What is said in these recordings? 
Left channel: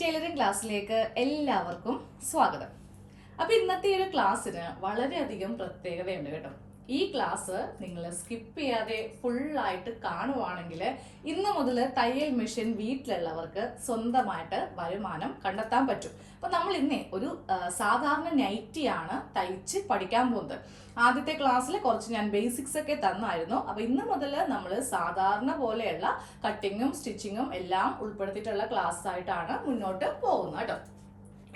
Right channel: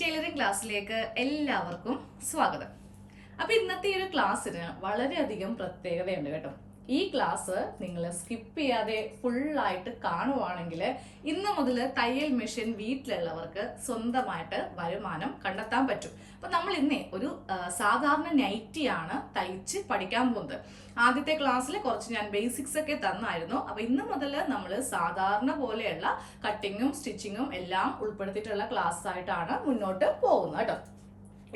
Tailoring ക്ലാസ്സിലേക്ക് എല്ലാവർക്കും സ്വാഗതം. അപ്പോൾ ഇന്നത്തെ ഒരു ക്ലാസ്സിന് വളരെയധികം പ്രത്യേകതയുണ്ട് കേട്ടോ. ഈ ക്ലാസ് നിങ്ങൾ സ്കിപ്പ് ചെയ്യാതെ ഫുള്ളായിട്ട് കാണുവാണെങ്കിൽ ഇന്ന് മുതൽ തയ്യൽ മെഷീൻ വീട്ടിലുള്ളവർക്ക് സ്വന്തമായിട്ട് വരുമാനം കണ്ടെത്താൻ പറ്റും. അപ്പൊ നമ്മൾ ഇന്നേ ഒരു സാധാരണ നൈറ്റിയാണ് തയ്ച്ച് പഠിക്കാൻ പോകുന്നത്. ആദ്യത്തെ ക്ലാസ്സിൽ കുറച്ച് ഞാൻ ബേസിക്സ് ഒക്കെ തന്നായിരുന്നു. അപ്പൊ ഇന്ന് മുതൽ നമ്മൾ സാധാരണ പോലെയുള്ള കട്ടിങ്ങും സ്റ്റിച്ചിങ്ങും എല്ലാം ഉൾപ്പെടുത്തിയിട്ടുള്ള ക്ലാസ് ആയിട്ടാണ് മുന്നോട്ട് പോകുന്നത് കേട്ടോ.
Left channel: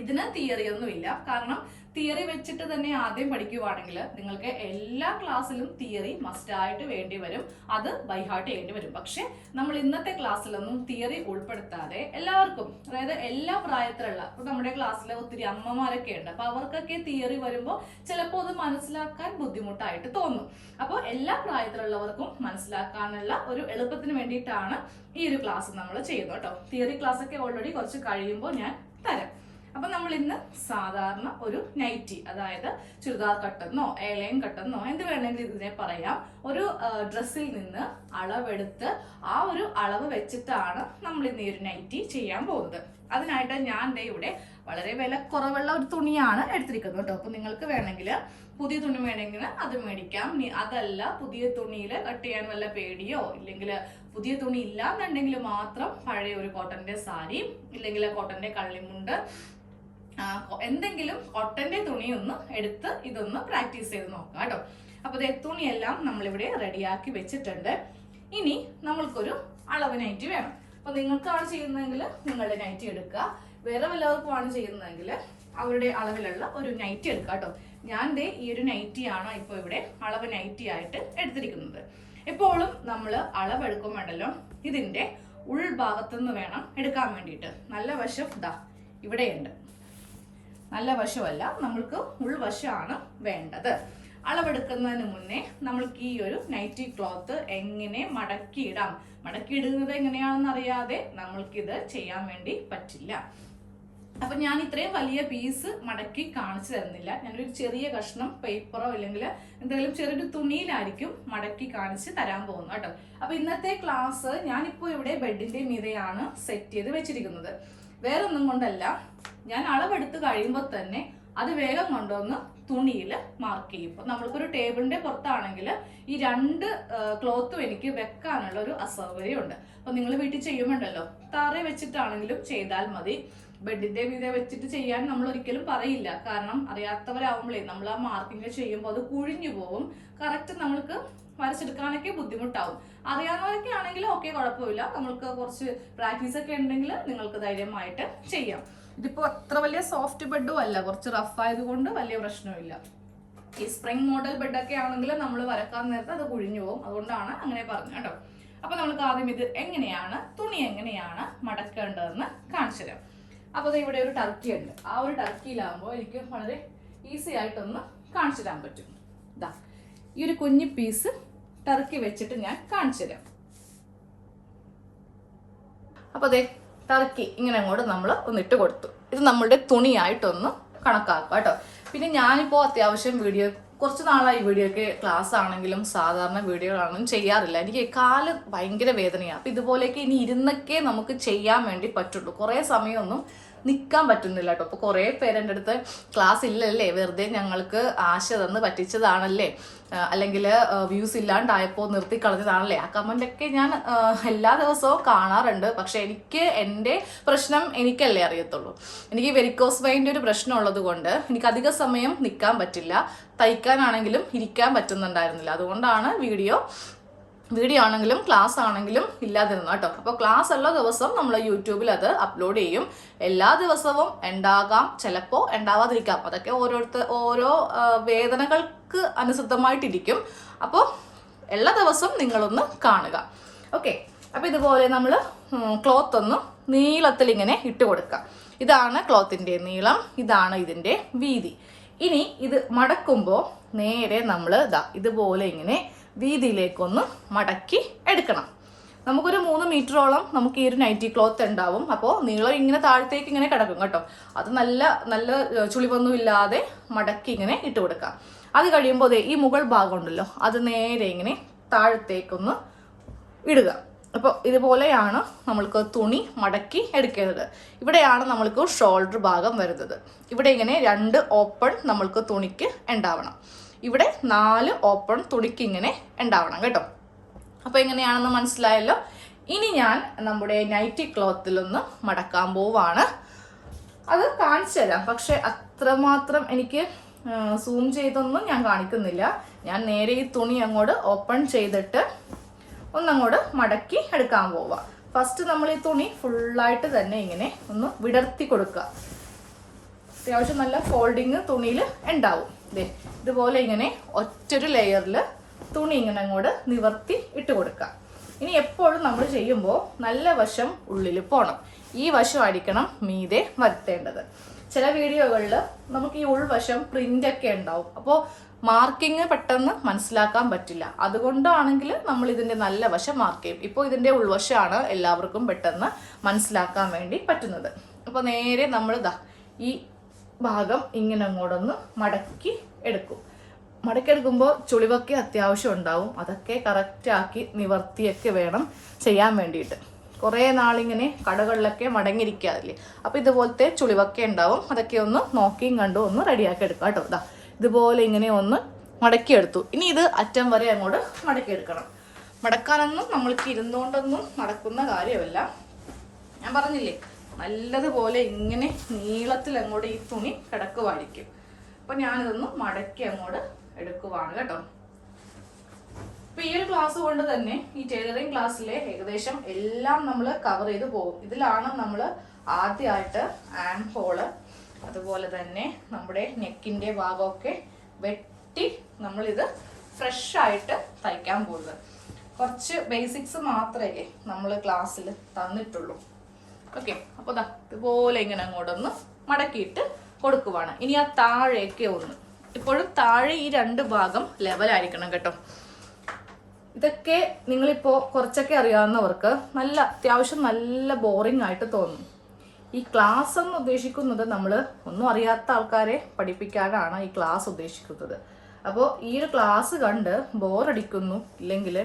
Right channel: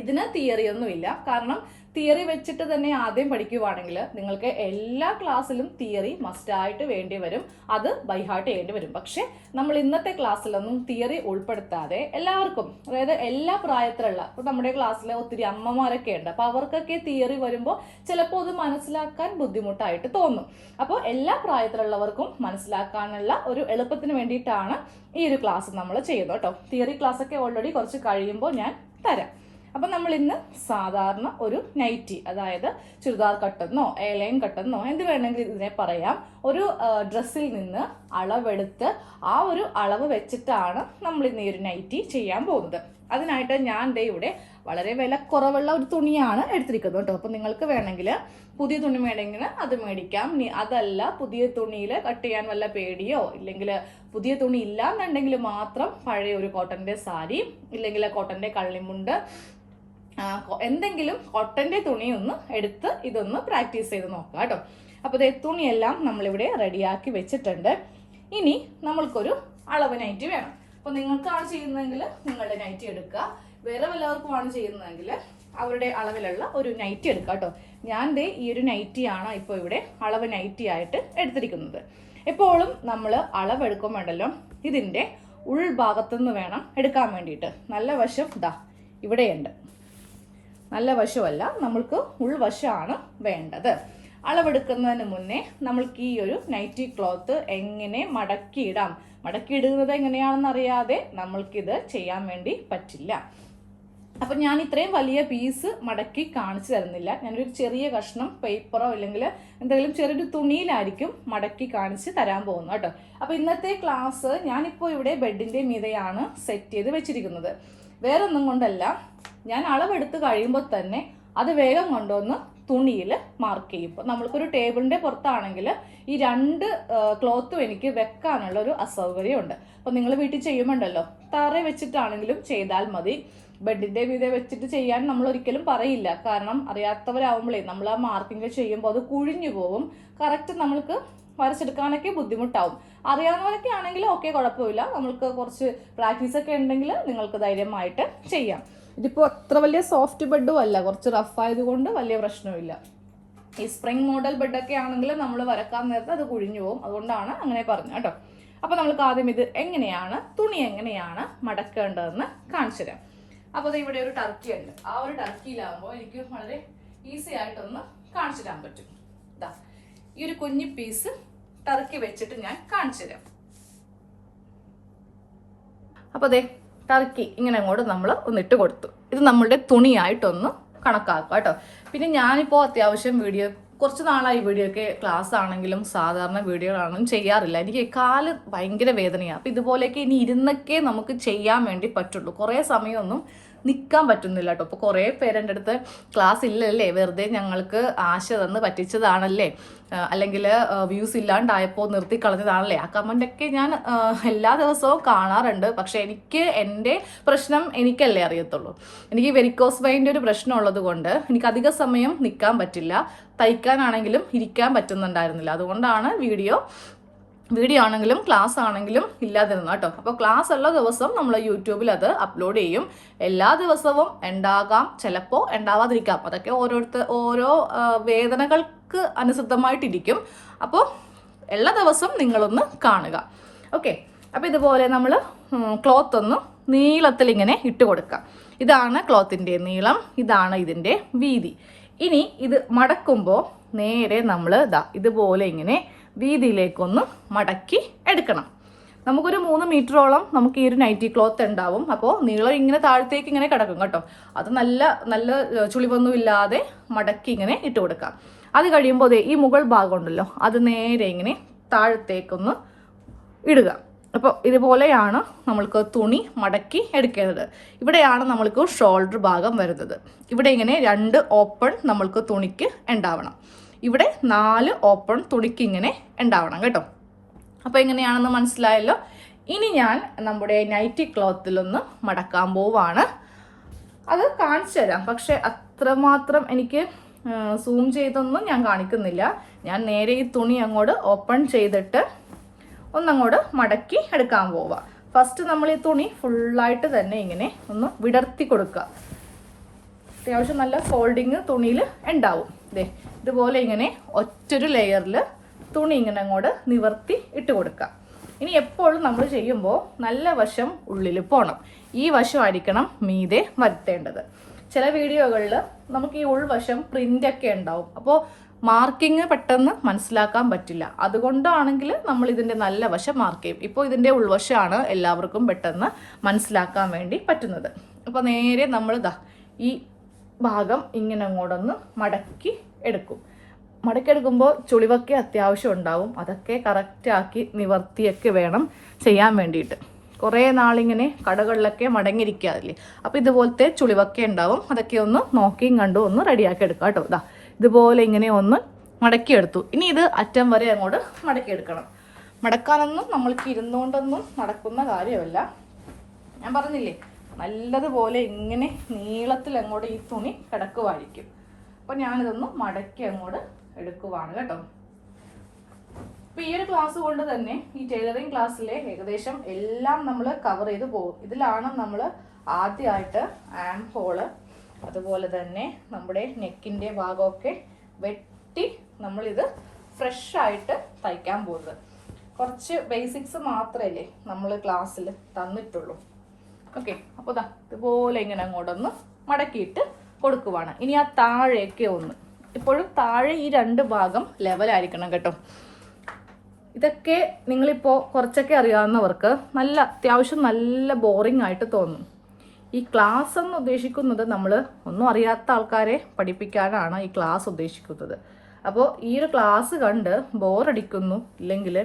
ഇതിന് തിയറി ഒന്നുമില്ല. കാരണം തിയറി വെച്ചിട്ട് തന്നെ ആദ്യം പഠിക്കുവാണെങ്കിൽ നിങ്ങൾക്ക് എല്ലാ ക്ലാസ്സിലും തിയറി മസ്റ്റായിട്ട് വേണ്ടി വരും. അത് ബൈഹാർട്ട് ചെയ്യേണ്ടി വരും. പക്ഷേ നമ്മൾ ഇന്നത്തെ ക്ലാസ്സിലൊന്നും തിയറി ഉൾപ്പെടുത്താതെ എല്ലാവർക്കും അതായത് എല്ലാ പ്രായത്തിലുള്ള ഇപ്പൊ നമ്മുടെ ക്ലാസ്സിലെ ഒത്തിരി അമ്മമാരൊക്കെ ഉണ്ട്. അപ്പൊ അവർക്കൊക്കെ തിയറി വരുമ്പോൾ ചിലപ്പോൾ അത് മനസ്സിലാക്കാൻ ബുദ്ധിമുട്ടായിട്ട് തോന്നും. അപ്പോൾ എല്ലാ പ്രായത്തിലുള്ളവർക്കും മനസ്സിലാക്കാനുള്ള ഒരു എളുപ്പത്തിന് വേണ്ടിയിട്ടാണ് ഈ ഒരു ക്ലാസ് നമ്മൾ ചെയ്യുന്നത് കേട്ടോ. തിയറി ക്ലാസ് ഒക്കെ ഓൾറെഡി കുറച്ച് കഴിയുമ്പോൾ ഞാൻ തരാം. അപ്പം നമ്മൾ ഇന്ന് സാധാരണ ഒരു നൈറ്റി അതായത് ചുരിദാർ കട്ടെന്നോ എയർലൈൻ കട്ടെന്നോ എന്ത് വേണമെങ്കിലും ഇതിനെ പറയാം. ഒരു ഡ്രസ്സിൽ നിന്ന് അളവെടുത്ത് ആ ഒരു അളവ് വെച്ചിട്ടാണ് നമ്മൾ ഇന്ന് ഈ ഒരു നൈറ്റി ചെയ്യാൻ പോകുന്നത്. അതിനായിട്ട് ഞാൻ ദേ ഇവിടെ വളരെ വില കുറവുള്ള ഒരു തുണിയാണ് എടുത്തിരിക്കുന്നത് കേട്ടോ. അപ്പം നിങ്ങൾക്ക് വേണമെങ്കിൽ പുതിയ തുണി വേണമെങ്കിൽ അത് മേടിക്കാം. അതല്ല പുതിയ തുണിയിൽ കട്ട് ചെയ്യാൻ വല്ല പേടിയോ? ഇല്ലെങ്കിൽ പുതിയ തുണി ഇല്ലാന്നുണ്ടെങ്കിൽ മാത്രം പഴയ ഒരു കോട്ടന്റെ സാരി ഇല്ലെങ്കിൽ കോട്ടന്റെ കള്ളിമുണ്ട് എന്തെങ്കിലും കോട്ടന്റെ തുണി ഒന്ന് എടുത്ത് ഇതൊന്ന് പ്രാക്ടീസ് ചെയ്ത് നോക്കാം കേട്ടോ അപ്പോൾ ഇതേ തുണിയെല്ലാം നമ്മളിവിടെ റെഡിയാക്കി വെച്ചിട്ടുണ്ട്. ഇനി നമ്മൾക്കൊരു അളവ് നൈറ്റ് വേണം. അപ്പോൾ നിങ്ങൾക്കാണ് ചെയ്യുന്നതെങ്കിൽ നിങ്ങളുടെ നൈറ്റ് എടുക്കുക. വേറെ വല്ലവർക്കുമാണ് ചെയ്യുന്നതെങ്കിൽ അവരുടെ അളവിലുള്ള ഒരു നൈറ്റി എടുക്കുക കേട്ടോ ഞാൻ ദേ ഈ ഒരു നൈറ്റിയാണ് ഇപ്പോൾ ഇവിടെ അളവ് നൈറ്റി ആയിട്ട് എടുത്തിരിക്കുന്നത്. എപ്പോഴും നമ്മൾ അളവെടുക്കുമ്പോഴല്ലോ ഇതിന്റെ ഉൾഭാഗത്തുനിന്ന് വേണം എടുക്കാൻ വേണ്ടിയിട്ട്. നല്ല വശം ഇതാ ഇവിടെയുണ്ട്. നല്ല വശമല്ല നമ്മൾക്ക് ഉൾവശമാണ് വേണ്ടത്. അളവെടുക്കുന്നതിന് മുന്നേ നമ്മൾക്ക് ഈ ഒരു നൈറ്റി ക്ലോത്ത് എങ്ങനെ മടക്കിയിടാം? മടക്കിയിടുന്നത് എങ്ങനെയാണെന്ന് അറിയാതെ നമ്മൾക്കിത് ചെയ്യാൻ വേണ്ടി പറ്റില്ല. അപ്പൊ ഞാൻ ഇത്രയും വലിയ പീസ് മടക്കി കാണിച്ചു തരുന്നില്ല. ഞാനൊരു ചെറിയ കഷ്ണം പേപ്പറോ അല്ലെങ്കിൽ എന്തെങ്കിലും ചെറിയൊരു തുണിയിലായിരിക്കും മടക്കി കാണിച്ച് തരാൻ പോകുന്നത് കേട്ടോ. അപ്പൊ ഇന്നത്തെ ക്ലാസ് ഞാനിപ്പോൾ ഇവിടെ ബെഡിന്റെ മീതയാണ് സെറ്റ് ചെയ്ത് വെച്ചിരിക്കുന്നത്. വേറൊന്നും കൊണ്ടല്ല. ഞാൻ അളവെടുത്ത് കഴിയുമ്പോൾ തന്നെ അത് വേഗം കൊണ്ടുവന്ന് തുണിയിൽ മാർക്ക് ചെയ്യും. ഇപ്പം നമ്മൾക്കൊരു ടേബിളിന്റെ പുറത്താണെങ്കിൽ ഈ രണ്ട് ക്ലോത്തും എനിക്ക് വെക്കാനുള്ള ഒരു അസൗകര്യമുണ്ട്. അപ്പം നിങ്ങൾ വീട്ടിൽ ചെയ്യുമ്പോണ്ടല്ലോ തറ വെച്ചിട്ടാണെങ്കിലും ചെയ്താൽ മതി. ബെഡിന്റെ മീതെ വെച്ചിട്ട് ചെയ്യാൻ നമ്മൾ ഒരിക്കലും പറയില്ല. കാരണം അറിയാത്തവരാകുമ്പോഴേ നമ്മൾ ആ മാർക്കിംഗ് ചെയ്യുമ്പോൾ അത് കുഴിഞ്ഞു പോകും കറക്റ്റ് നമ്മൾക്ക് വരച്ചെടുക്കാനൊക്കെ ബുദ്ധിമുട്ടാവും. അറിയാവുന്നവരൊക്കെ ആണെങ്കിൽ ഓക്കെ കുഴപ്പമില്ല. നമ്മൾക്ക് കുറച്ച് പ്രാക്ടീസ് ഒക്കെ ഉണ്ടെങ്കിൽ നിങ്ങൾക്ക് ധൈര്യമായിട്ട് ചെയ്യാം. ഇതിപ്പോൾ അത്ര വലിയ സോഫ്റ്റ് ബെഡും അല്ല. കുറച്ച് റഫ് ആയതുകൊണ്ട് വലിയ പ്രശ്നമില്ല ഈ സ്പ്രിംഗ് മോഡൽ ബെഡൊക്കെ ആണെങ്കിൽ നമ്മൾ വരക്കാൻ നേരത്തെ അത് കുഴിഞ്ഞു പോകും. അതുകൊണ്ടാണ് അങ്ങനെ പറഞ്ഞത് കേട്ടോ. അപ്പോൾ നമ്മൾക്ക് ആദ്യം ഇത് എങ്ങനെയാണ് തുണി എങ്ങനെയാണ് മടക്കേണ്ടതെന്ന് കാണിച്ചു തരാം. അപ്പോൾ ഇവിടെ ഒരു ടർക്കി ഉണ്ട്. ആ ഒരു ടർക്കിയിലാകുമ്പോൾ എനിക്ക് വളരെ ഈസി ആയിട്ടൊന്ന് കാണിച്ചു തരാൻ പറ്റും. ഈ ഒരു കുഞ്ഞു പീസ് ടർക്കി വെച്ചിട്ട് ഞാൻ കാണിച്ചു തരാം. അപ്പോൾ അതെ ടർക്കി ഇങ്ങനെ അങ്ങോട്ട് നമ്മൾ ഒന്നിട്ട് കൊടുത്തു. ഇത് നമ്മളുടെ തുണിയായിട്ടൊന്ന് കണക്കാക്കുക കേട്ടോ. പിന്നെ ഞാനിപ്പോൾ അത്യാവശ്യം വീഡിയോ കുറച്ച് നാളായി വീഡിയോ ഒക്കെ ക്ലാസ് ആണെങ്കിലും സാധാരണ വീഡിയോകളാണെങ്കിലും ചെയ്യാറില്ല. എനിക്ക് കാൽ ഭയങ്കര വേദനയാണ് അപ്പം ഇതുപോലെയൊക്കെ ഇനി ഇരുന്നൊക്കെ നമുക്ക് ചെയ്യാൻ വേണ്ടി പറ്റുള്ളൂ. കുറേ സമയമൊന്നും നിൽക്കാൻ പറ്റുന്നില്ല കേട്ടോ അപ്പോൾ കുറേ പേരെന്റെ അടുത്ത് ക്ലാസ് ഇല്ലല്ലേ വെറുതെ ഞങ്ങൾക്ക് ആശ തന്ന് പറ്റിച്ചതാണല്ലേ? അല്ലെങ്കിൽ വ്യൂസ് ഇല്ലാണ്ടായപ്പോൾ നിർത്തി കളഞ്ഞതാണല്ലേ? ആ കമന്റൊക്കെ ഞാൻ എല്ലാ ദിവസവും കാണാറുണ്ട്. പക്ഷേ എനിക്ക് എന്റെ പ്രശ്നം എനിക്കല്ലേ അറിയത്തുള്ളൂ. എനിക്ക് വെരിക്കോസ് വൈന്റെ ഒരു പ്രശ്നം ഉള്ളത് കൊണ്ട് എനിക്ക് അധിക സമയം നിൽക്കാൻ പറ്റില്ല. തയ്ക്കാനാണെങ്കിലും ഇരിക്കാൻ പറ്റുന്നുണ്ടായിരുന്നില്ല. അതുകൊണ്ടാണ് വീഡിയോ വീഡിയോ ആണെങ്കിലും ക്ലാസ് ആണെങ്കിലും ഇല്ലാതിരുന്നു കേട്ടോ. അപ്പോൾ ക്ലാസ് ഉള്ള ദിവസം നമ്മൾ യൂട്യൂബിൽ അത് അപ്ലോഡ് ചെയ്യും. എല്ലാ ദിവസവും ഉണ്ടാകാം. ചിലപ്പോൾ ഉണ്ടാവാതിരിക്കാം. അതൊക്കെ ഓരോരുത്തർ ഓരോ വേദനകൾക്ക് അനുസൃതമായിട്ടിരിക്കും. അപ്പോൾ എല്ലാ ദിവസവും നിങ്ങളൊന്ന് കാണുക. ഓക്കെ അപ്പോൾ ഇതുപോലെ നമ്മൾ ക്ലോത്ത് ഒന്ന് നീളത്തിൽ ഇങ്ങനെ ഇട്ട് കൊടുക്കാം ഇതാണ് ക്ലോത്തിന്റെ നീളം. ഇതാണ് ഇതിന്റെ വീതി. ഇനി ഇത് മടക്കുമ്പോൾ നേരെ നമ്മൾ ഇതാ ഇതുപോലെ ഇങ്ങനെ വീതിയിലേക്കൊന്ന് മടക്കി എടുക്കണം. നമുക്കൊരു മൂന്ന് മീറ്ററോളം നമുക്ക് ഈ ഒരു നൈറ്റി ക്ലോത്ത് ഉണ്ടാവും. അപ്പോൾ നീളം ഇങ്ങനെ താഴത്തേക്ക് ഇങ്ങനെ കിടക്കും കേട്ടോ. അത് നല്ല നല്ല ചുളിവൊന്നും ഇല്ലാതെ മടക്കി ഇങ്ങനെ ഇട്ട് കൊടുക്കാം. അത് കഴിയുമ്പോൾ ഈ മുകൾ ഭാഗം ഉണ്ടല്ലോ അത് നേരെ ഇങ്ങനെ താഴത്തേക്കൊന്ന് ഇടുക. അപ്പോൾ ഇതുപോലെയാണ് നമ്മൾക്ക് തുണി മടക്കി എടുക്കേണ്ടത്. ഇവിടെയാണ് നമ്മൾക്ക് ഷോൾഡർ ഭാഗം വരുന്നത്. ഇവിടെ ഇങ്ങനെ രണ്ട് ഓപ്പൺ നമ്മൾക്ക് തുണിക്ക് ഉണ്ടാവണം. ഇവിടെ നാല് ഓപ്പൺ തുണിക്ക് ഇങ്ങനെ ഉണ്ടാവണം കേട്ടോ. അപ്പോൾ എങ്ങനെയാണെന്ന് മനസ്സിലായല്ലോ? ഇനി ഞാൻ നമ്മുടെ നൈറ്റി ക്ലോത്തിലൊന്ന് മടക്കാൻ പോവാണ്. അത് കാണിച്ചു തരാം. പക്ഷെ അത്രമാത്രം എനിക്ക് സൂം ചെയ്തൊന്നും ഞാൻ കാണിക്കുന്നില്ല. ഞാൻ നേരെ ഈ തുണി അങ്ങോട്ട് ഓപ്പൺ ചെയ്തിട്ട് ഒന്നങ്ങോട്ട് മടക്കി എടുക്കാൻ പോവാം. ഫസ്റ്റ് നമ്മൾ ഈ തുണി ഫുള്ളായിട്ട് തന്നെ ഇങ്ങനെ ഒന്ന് വിടർത്തി കൊടുക്കുക. അത്യാവശ്യം നല്ല ഫോൾഡിങ് തുണിയിൽ ഉണ്ടാവും. ദേ ഇതുപോലെ ഇങ്ങനെ ഒറ്റൊരു ലെയറിൽ തുണി ഇങ്ങനെ അങ്ങോട്ട് നിവർത്തി ഇട്ട് കൊടുക്കുക ഇനി എപ്പോഴും നമ്മൾ ചെയ്യുമ്പോൾ നല്ല വശം ഉള്ളിൽ പോകണം ഈ വശമായിരിക്കണം മീതെ വരുത്തേണ്ടത്. ചില വീഡിയോകളിൽ നമുക്ക് ഈ ഉൾവശം പ്രിന്റ് ഒക്കെ ഉണ്ടാവും. അപ്പോൾ മാർക്കിങ് പെട്ടെന്ന് മനസ്സിലാക്കാൻ പറ്റില്ല. അതുകൊണ്ടാണെങ്കിൽ നമ്മൾ ഇതിന്റെ നല്ല വശം മാർക്ക് ചെയ്യും. ഇപ്പോൾ ഇതിന്റെ ഉൾവശമാണ് എല്ലാവർക്കും പെട്ടെന്ന് മനസ്സിലാക്കാൻ വേണ്ടി പറ്റുന്നത്. അപ്പോൾ നേരെ നമ്മൾ ഈ ഭാഗം ഇങ്ങനെ അങ്ങോട്ടൊന്ന് മടക്കി എടുക്കും. മടക്കെടുക്കുമ്പോൾ ചുളിവൊക്കെ അത്യാവശ്യം ഉണ്ടാവും. അതൊക്കെ കറക്റ്റാക്കി നിവർത്തിയൊക്കെ വേണം ചെയ്യാൻ വേണ്ടിയിട്ട്. കുറേ നാളിങ്ങനെ കടകളിലൊക്കെ മടങ്ങിയിരിക്കാറില്ലേ? അപ്പോൾ ഇതുപോലത്തെ ചുളിവൊക്കെ ഉണ്ടാവും. അതൊക്കെ ഒന്ന് നോക്കിയും കണ്ടും ഒന്ന് റെഡിയാക്കി എടുക്കാം കേട്ടോ. ഇതാ ഇതുപോലെ ഇങ്ങനെ ഒന്ന് മടക്കിയെടുത്തു. ഇനി ഇത് അറ്റം വരെ അങ്ങോട്ട് മടക്കിയെടുക്കണം. മടക്കാനൊന്നും നമ്മൾക്ക് ഇരുന്നുകൊണ്ടൊന്നും മടക്കുന്ന കാര്യമല്ല. ഞാൻ പറഞ്ഞില്ലേ നല്ലതുപോലെ ഇങ്ങനെ നീളത്തിൽ അങ്ങോട്ട് ഈ തുണി കിടക്കുമായിരിക്കും അപ്പൊ ഞാനിതൊന്ന് മടക്കി അങ്ങോട്ട് എടുക്കുവാണ് കേട്ടോ. അപ്പൊ ഈ ഒരു ക്ലാസ് കൊണ്ട് തന്നെ ഈ ടൈലറിംഗ് ക്ലാസ്സിലെ ഏകദേശം എല്ലാം നമ്മൾ കവർ ചെയ്ത് പോകും. ഇതിലാണ് നമ്മൾ ആദ്യമായിട്ട് ആം ഹോൾ അതുപോലെ തന്നെ നമ്മുടെ നെക്കിന്റെ ഭാഗമൊക്കെ വെട്ടി നമ്മളിത് ഫ്രഷ് ആയിട്ട് തയ്ക്കാൻ പോകുന്നത്. കുറച്ച് ബേസിക്സ് മാത്രമല്ലേ നമ്മൾ ക്ലാസ്സിൽ തന്നിട്ടുള്ളൂ. ഓക്കെ അപ്പോൾ ദാ ഇതുപോലെ ഇങ്ങനെ അങ്ങോട്ടൊന്ന് മടക്കിയിട്ട് കൊടുക്കുവാണ്. ഇനി ആ താഴേക്ക് ഒന്ന്. ഇപ്പോഴും താഴെ ഈ രണ്ട് ഭാഗം ലെവലായിരിക്കണം കേട്ടോ. ഇതൊക്കെ നിങ്ങളിപ്പോൾ കുറച്ചൊക്കെ അറിയാവുന്നവർക്ക് നല്ല അത്യാവശ്യം നല്ല ബോറിംഗ് ആയിട്ട് തോന്നും. ഈ ക്ലാസ് എന്ന് ഉദ്ദേശിക്കുന്നത് നമ്മൾ ഒന്നും അറിയാത്ത ആൾക്കാരെ പഠിപ്പിക്കാനാണ് ഈ ക്ലാസ് ഉദ്ദേശിക്കുന്നത്. അപ്പോൾ ഈ ഒരു ക്ലാസ് കണ്ട് ബോറടിക്കുന്നു ഇല്ലെങ്കിൽ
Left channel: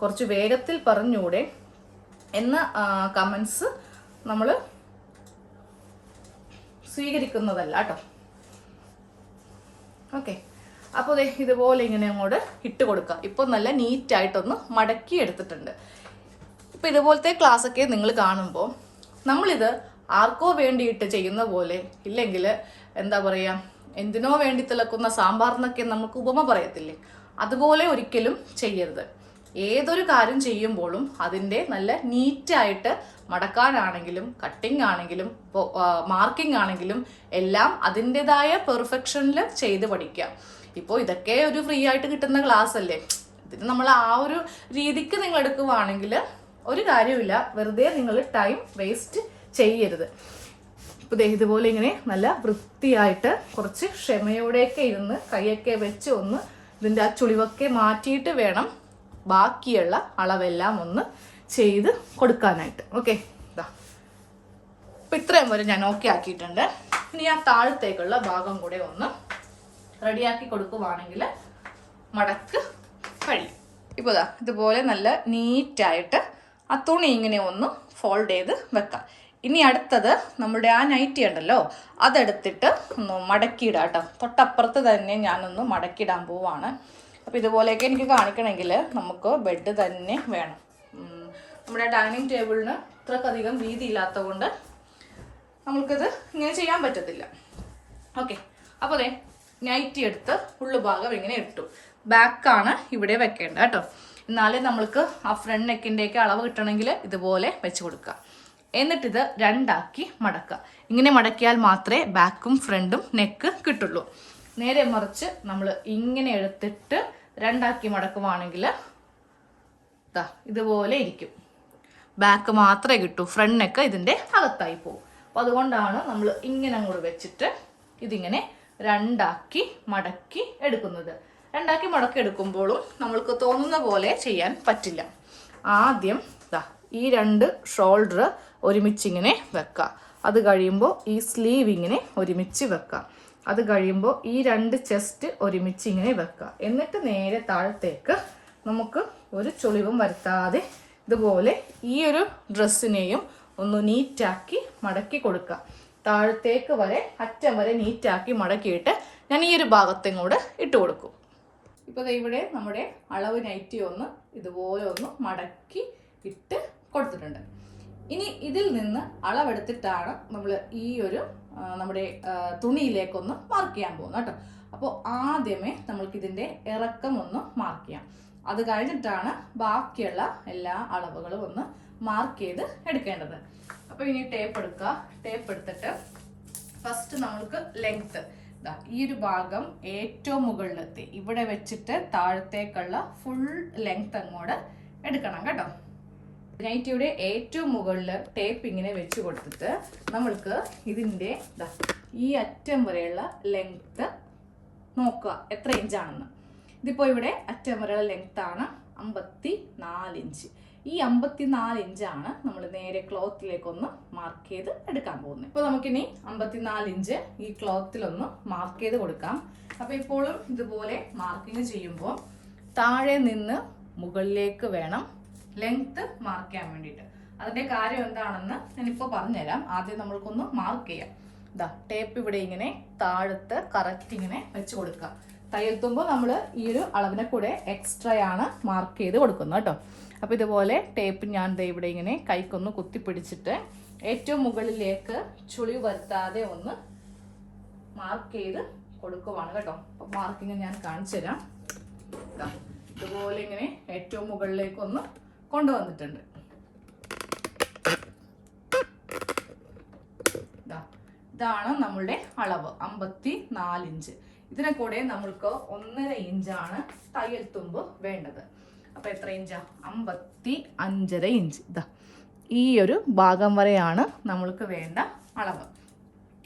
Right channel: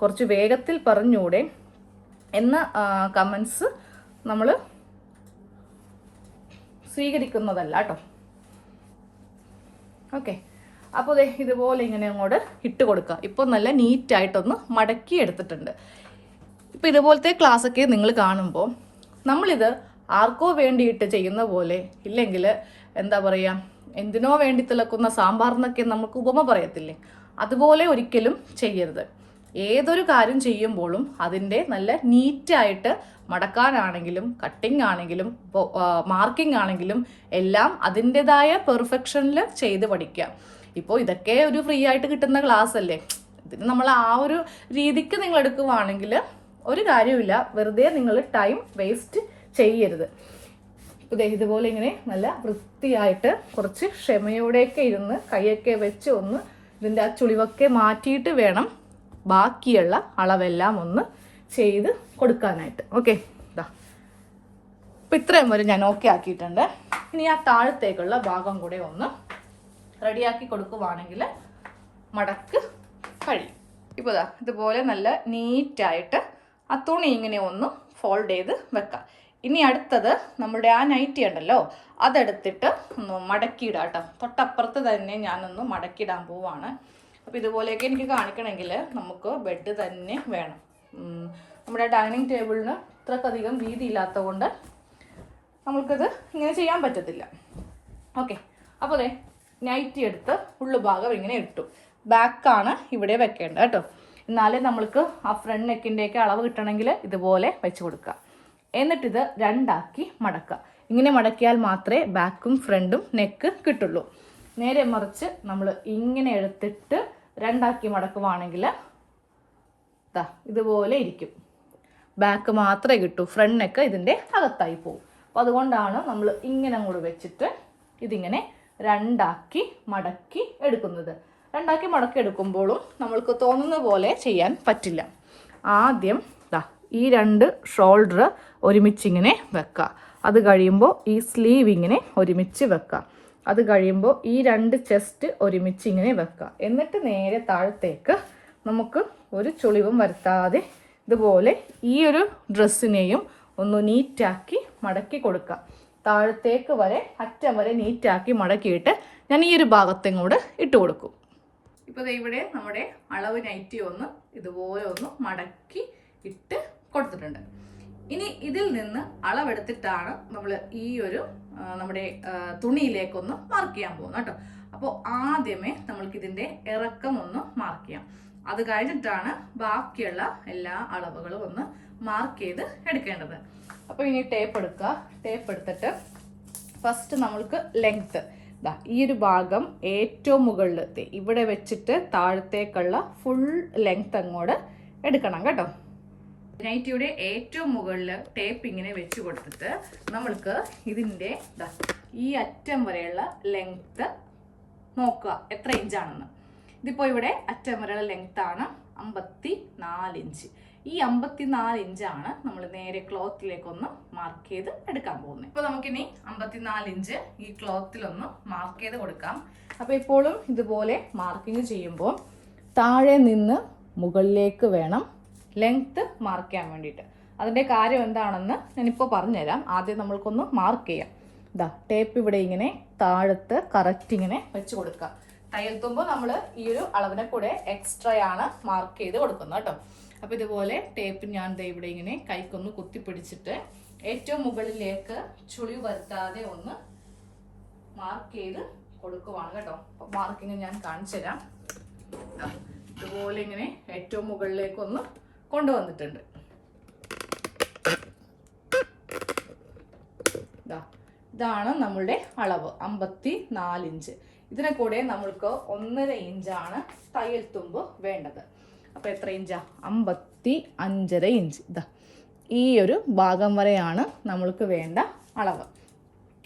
കുറച്ച് വേഗത്തിൽ പറഞ്ഞൂടെ എന്ന കമൻസ് നമ്മൾ സ്വീകരിക്കുന്നതല്ല കേട്ടോ ഓക്കെ. അപ്പോൾ ദേ ഇതുപോലെ ഇങ്ങനെ അങ്ങോട്ട് ഇട്ട് കൊടുക്കുക ഇപ്പം നല്ല നീറ്റായിട്ടൊന്ന് മടക്കി എടുത്തിട്ടുണ്ട്. ഇപ്പം ഇതുപോലത്തെ ക്ലാസ് ഒക്കെ നിങ്ങൾ കാണുമ്പോൾ നമ്മളിത് ആർക്കോ വേണ്ടിയിട്ട് ചെയ്യുന്ന പോലെ ഇല്ലെങ്കിൽ എന്താ പറയുക എന്തിനോ വേണ്ടി തിളക്കുന്ന സാമ്പാറിനൊക്കെ നമുക്ക് ഉപമ പറയത്തില്ലേ? അതുപോലെ ഒരിക്കലും ചെയ്യരുത്. ഏതൊരു കാര്യം ചെയ്യുമ്പോഴും അതിന്റെ നല്ല നീറ്റായിട്ട് മടക്കാനാണെങ്കിലും കട്ടിംഗ് ആണെങ്കിലും മാർക്കിംഗ് ആണെങ്കിലും എല്ലാം അതിന്റെതായ പെർഫെക്ഷനിൽ ചെയ്ത് പഠിക്കുക. ഇപ്പോൾ ഇതൊക്കെ ഒരു ഫ്രീ ആയിട്ട് കിട്ടുന്ന ക്ലാസ് അല്ലേ? ഇതിന് നമ്മൾ ആ ഒരു രീതിക്ക് നിങ്ങൾ എടുക്കുവാണെങ്കിൽ ഒരു കാര്യമില്ല വെറുതെ നിങ്ങൾ ടൈം വേസ്റ്റ് ചെയ്യരുത്. ഇപ്പോൾ ഇതുപോലെ ഇങ്ങനെ നല്ല വൃത്തിയായിട്ട് കുറച്ച് ക്ഷമയോടെയൊക്കെ ഇരുന്ന് കൈയൊക്കെ വെച്ച് ഒന്ന് ഇതിന്റെ ആ ചുളിവൊക്കെ മാറ്റിയിട്ട് വേണം ബാക്കിയുള്ള അളവെല്ലാം ഒന്ന് ചെയ്ത് കൊടുക്കാനായിട്ട്. ഓക്കെ അപ്പം ഇത്രയും വരെ ഞാൻ ഓക്കെ ആക്കിയിട്ടുണ്ട്. ഇനി ആ താഴത്തേക്കുള്ള ഭാഗം കൂടെ ഒന്ന് റെഡിയാക്കി കൊടുക്കുവാണെങ്കിൽ മടക്ക് കഴിയും. ഇപ്പോൾ ഇതാ ഇതുപോലെ നല്ല നീറ്റായിട്ട് ആ തുണി ഇങ്ങനെ ഒന്ന് ഫോൾഡ് ചെയ്ത് വെക്കാം. ഇനി അടുത്തത് നമ്മുടെ ആ നൈറ്റി ഉണ്ടല്ലോ അതെടുത്തിട്ട് ഒന്ന് മടക്കിയിടാം കേട്ടോ. തൊട്ടപ്പുറത്ത് തന്നെ ഞാനൊന്ന് മടക്കിയിടാൻ പോവാണ്. അപ്പോൾ ഇതുപോലെയൊക്കെ എനിക്ക് കാണിക്കണമെങ്കിൽ നമുക്ക് ബെഡ് തന്നെ വേണം. നമ്മുടെ ഡൈനിങ് ടേബിളിന് ഇത്രക്കധികം വീതി ഇല്ലാത്തത് കൊണ്ട് നമ്മൾക്കിത് ഇങ്ങനെ ചെയ്യാൻ പറ്റത്തില്ല. ഓക്കെ അപ്പോൾ അതെ നൈറ്റി എടുത്ത് ഉള്ളു ഭാഗം ഇങ്ങനെ ഇട്ടു. ബാക്കാണ് ഇവിടെ വെക്കേണ്ടത് കേട്ടോ. എന്നാലേ നമ്മൾക്ക് ആ ഫ്രണ്ട് നെക്കിന്റെയൊക്കെ അളവ് കിട്ടണമെങ്കിൽ ഇതുപോലെ വെച്ച് കൊടുക്കുക. എന്നിട്ടിത് രണ്ടാക്കി മടക്കുക. ഇങ്ങനെ മടക്കിയാൽ മാത്രമേ ബാക്കും ഫ്രണ്ടും നെക്ക് കിട്ടുള്ളൂ. നേരെ മറിച്ച് നമ്മൾ ഇങ്ങനെ എടുത്തിട്ട് രണ്ടാക്കി മടക്കുവാണെങ്കിൽ ദാ ഇതുപോലെ ഇരിക്കും. ബാക്ക് മാത്രമേ കിട്ടൂ. ഫ്രണ്ട് ഇതിന്റെ അകത്തായി പോകും അപ്പോൾ അതുകൊണ്ടാണ് നമ്മൾ ഇങ്ങനെ അങ്ങോട്ട് വെച്ചിട്ട് ഇതിങ്ങനെ രണ്ടാക്കി മടക്കി എടുക്കുന്നത്. രണ്ടാക്കി മടക്കി എടുക്കുമ്പോഴും നമ്മൾക്ക് തോന്നുന്ന പോലെ ചെയ്യാൻ പറ്റില്ല. ആദ്യം ഈ രണ്ട് ഷോൾഡർ ഒരുമിച്ചിങ്ങനെ വെക്കുക. അത് കഴിയുമ്പോൾ ഈ സ്ലീവ് ഇങ്ങനെ ഒരുമിച്ച് വെക്കുക. അത് കഴിയുമ്പോൾ ഈ രണ്ട് ചെസ്റ്റ് ഒരുമിച്ച് ഇങ്ങനെ വെക്കുക. എന്നിട്ട് നേരെ താഴത്തേക്ക് നമുക്ക് ഒരു ചുളിവും വരുത്താതെ ഇതുപോലെ ഈ ഒരു ഡ്രസ്സിനെയും ഒന്ന് നീറ്റാക്കി മടക്കി കൊടുക്കുക. താഴത്തേക്ക് വരെ അറ്റം വരെ നീറ്റാക്കി മടക്കിയിട്ട് ഞാൻ ഈ ഒരു ഭാഗത്തും കൂടെ ഇട്ട് കൊടുക്കും. ഇപ്പോൾ ഇവിടെ നമ്മുടെ അളവ് നൈറ്റി ഒന്ന് ഇതുപോലെ ഒന്ന് മടക്കി ഇട്ട് കൊടുത്തിട്ടുണ്ട്. ഇനി ഇതിൽ നിന്ന് അളവെടുത്തിട്ടാണ് നമ്മൾ ഈ ഒരു നമ്മുടെ തുണിയിലേക്കൊന്ന് മാർക്ക് ചെയ്യാൻ പോകുന്നത് കേട്ടോ. അപ്പോൾ ആദ്യമേ നമ്മൾക്ക് ഇതിന്റെ ഇറക്കം ഒന്ന് മാർക്ക് ചെയ്യാം. അത് കഴിഞ്ഞിട്ടാണ് ബാക്കിയുള്ള എല്ലാ അളവുകളും ഒന്ന് മാർക്ക് ചെയ്ത് എടുക്കേണ്ടത്. അപ്പോൾ ഇനി ടേപ്പ് എടുക്കുക. ടേപ്പ് എടുത്തിട്ട് ഫസ്റ്റ് നമ്മൾക്ക് ലെങ്ത്ത് ഇതാ ഈ ഒരു ഭാഗം ഏറ്റവും മുകളിലെത്തി ഇവിടെ വെച്ചിട്ട് താഴത്തേക്കുള്ള ഫുൾ ലെങ്ത് അങ്ങോട്ട് എടുക്കണം കേട്ടോ. നൈറ്റിയുടെ ഏറ്റവും മുകളിൽ ടേപ്പ് ഇങ്ങനെ വെച്ച് കൊടുത്തിട്ട് നമ്മൾക്ക് ഇതിന്റെ ഈ അറ്റം വരെയുള്ള ലെങ്ത്ത് നോക്കുക. എത്ര ഇഞ്ചാണെന്ന് ഇതിപ്പോൾ ഇവിടെ അറ്റം വരെയുള്ള ലെങ്ത് ആണ് അമ്പത്തി നാല് ഇഞ്ച് ഈ അമ്പത്തി നാല് ഇഞ്ചാണ് നമ്മൾ നേരെ ക്ലോത്തിലേക്കൊന്ന് മാർക്ക് ചെയ്ത് എടുക്കാൻ പോകുന്നത്. ഇപ്പോൾ നമുക്കിനി അമ്പത്തി നാല് ഇഞ്ച് ഈ ക്ലോത്തിലൊന്ന് മാർക്ക് ചെയ്ത് കൊടുക്കാം. അപ്പോൾ ഇപ്പോഴും ഇതുപോലെ മാർക്കിങ് ചെയ്യുമ്പോൾ താഴെ നിന്ന് മുകളിലേക്ക് വേണം ലെങ്ത്ത് മാർക്ക് ചെയ്യാൻ വേണ്ടിയിട്ട്. അതിന്റെ കാര്യം എന്താണെന്ന് ഞാനിപ്പോൾ പറഞ്ഞുതരാം. ആദ്യം നമ്മൾക്കൊന്ന് മാർക്ക് ചെയ്യാം. ഇതാ ടേപ്പ് ഇവിടെ ഇങ്ങനെ താഴത്ത് കറക്റ്റ് ഇങ്ങനെ വെച്ച് കൊടുക്കുക തയ്യൽ തുമ്പ് നമ്മൾ ഈ ഒരു അളവിനെ കൂടെ എക്സ്ട്രാ ആണ് മാർക്ക് ചെയ്ത് കൊടുക്കുന്നത് കേട്ടോ. അപ്പോൾ ഇതുപോലെ ടേപ്പ് ഞാൻ ദേ ഇവിടെ ഇങ്ങനെ കൈക്കൊന്ന് കുത്തിപ്പിടിച്ചിട്ട് ഏറ്റവും മുകളിലേക്ക് ചുളി വരുത്താതെ ഒന്ന് മാർക്ക് ചെയ്ത് കൊടുക്കുവാണ് കേട്ടോ. അപ്പോൾ മാർക്കിങ് ഞാൻ കാണിച്ചു തരാം ഇതുപോലെ ഇങ്ങനെ ഏറ്റവും മുകളിലേക്ക് ഒന്ന് കൊണ്ടുവന്നിട്ടുണ്ട്. ഇതാണ് നമ്മളുടെ അളവ് അമ്പത്തി നാല് ഇഞ്ച്. ഇതിനെ കൂടെ നമ്മൾക്ക് ഒന്നര ഇഞ്ചാണ് തയ്യൽ തുമ്പ് വേണ്ടത്. അപ്പോൾ എത്ര ഇഞ്ചാ? അമ്പത്തി അഞ്ചര ഇഞ്ച്. ഇതാ ഈ ഒരു ഭാഗം വരെയാണ് നമ്മൾക്ക് വേണ്ട അളവ്.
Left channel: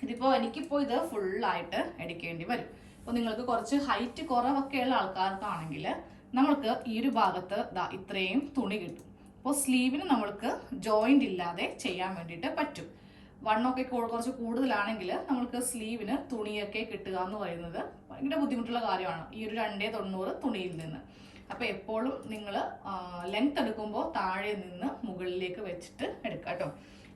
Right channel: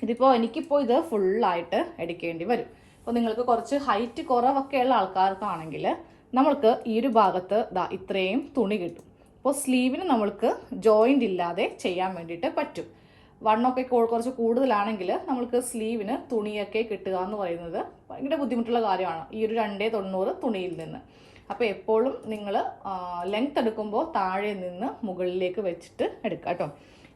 ഇതിപ്പോൾ എനിക്കിപ്പോൾ ഇത് ഫുള്ളായിട്ട് എടുക്കേണ്ടി വരും. അപ്പോൾ നിങ്ങൾക്ക് കുറച്ച് ഹൈറ്റ് കുറവൊക്കെ ഉള്ള ആൾക്കാർക്കാണെങ്കിൽ നമ്മൾക്ക് ഈ ഒരു ഭാഗത്ത് ദാ ഇത്രയും തുണി കിട്ടും. അപ്പോൾ സ്ലീവിന് നമ്മൾക്ക് ജോയിന്റ് ഇല്ലാതെ ചെയ്യാൻ വേണ്ടിയിട്ട് പറ്റും. വൺ ഒക്കെ കുറച്ച് കൂടുതലാണെങ്കിൽ നമ്മൾക്ക് സ്ലീവിന് തുണിയൊക്കെ കിട്ടുക എന്ന് പറയുന്നത് ഭയങ്കര ബുദ്ധിമുട്ടുള്ള കാര്യമാണ്. ഈ ഒരു രണ്ടേ തൊണ്ണൂറ് തുണിയിൽ നിന്ന്. അപ്പോൾ എപ്പോഴും നിങ്ങൾ ലെങ്ത് എടുക്കുമ്പോൾ താഴെ നിന്ന് മുകളിലേക്ക് വെച്ചിട്ട് എടുക്കുക കേട്ടോ.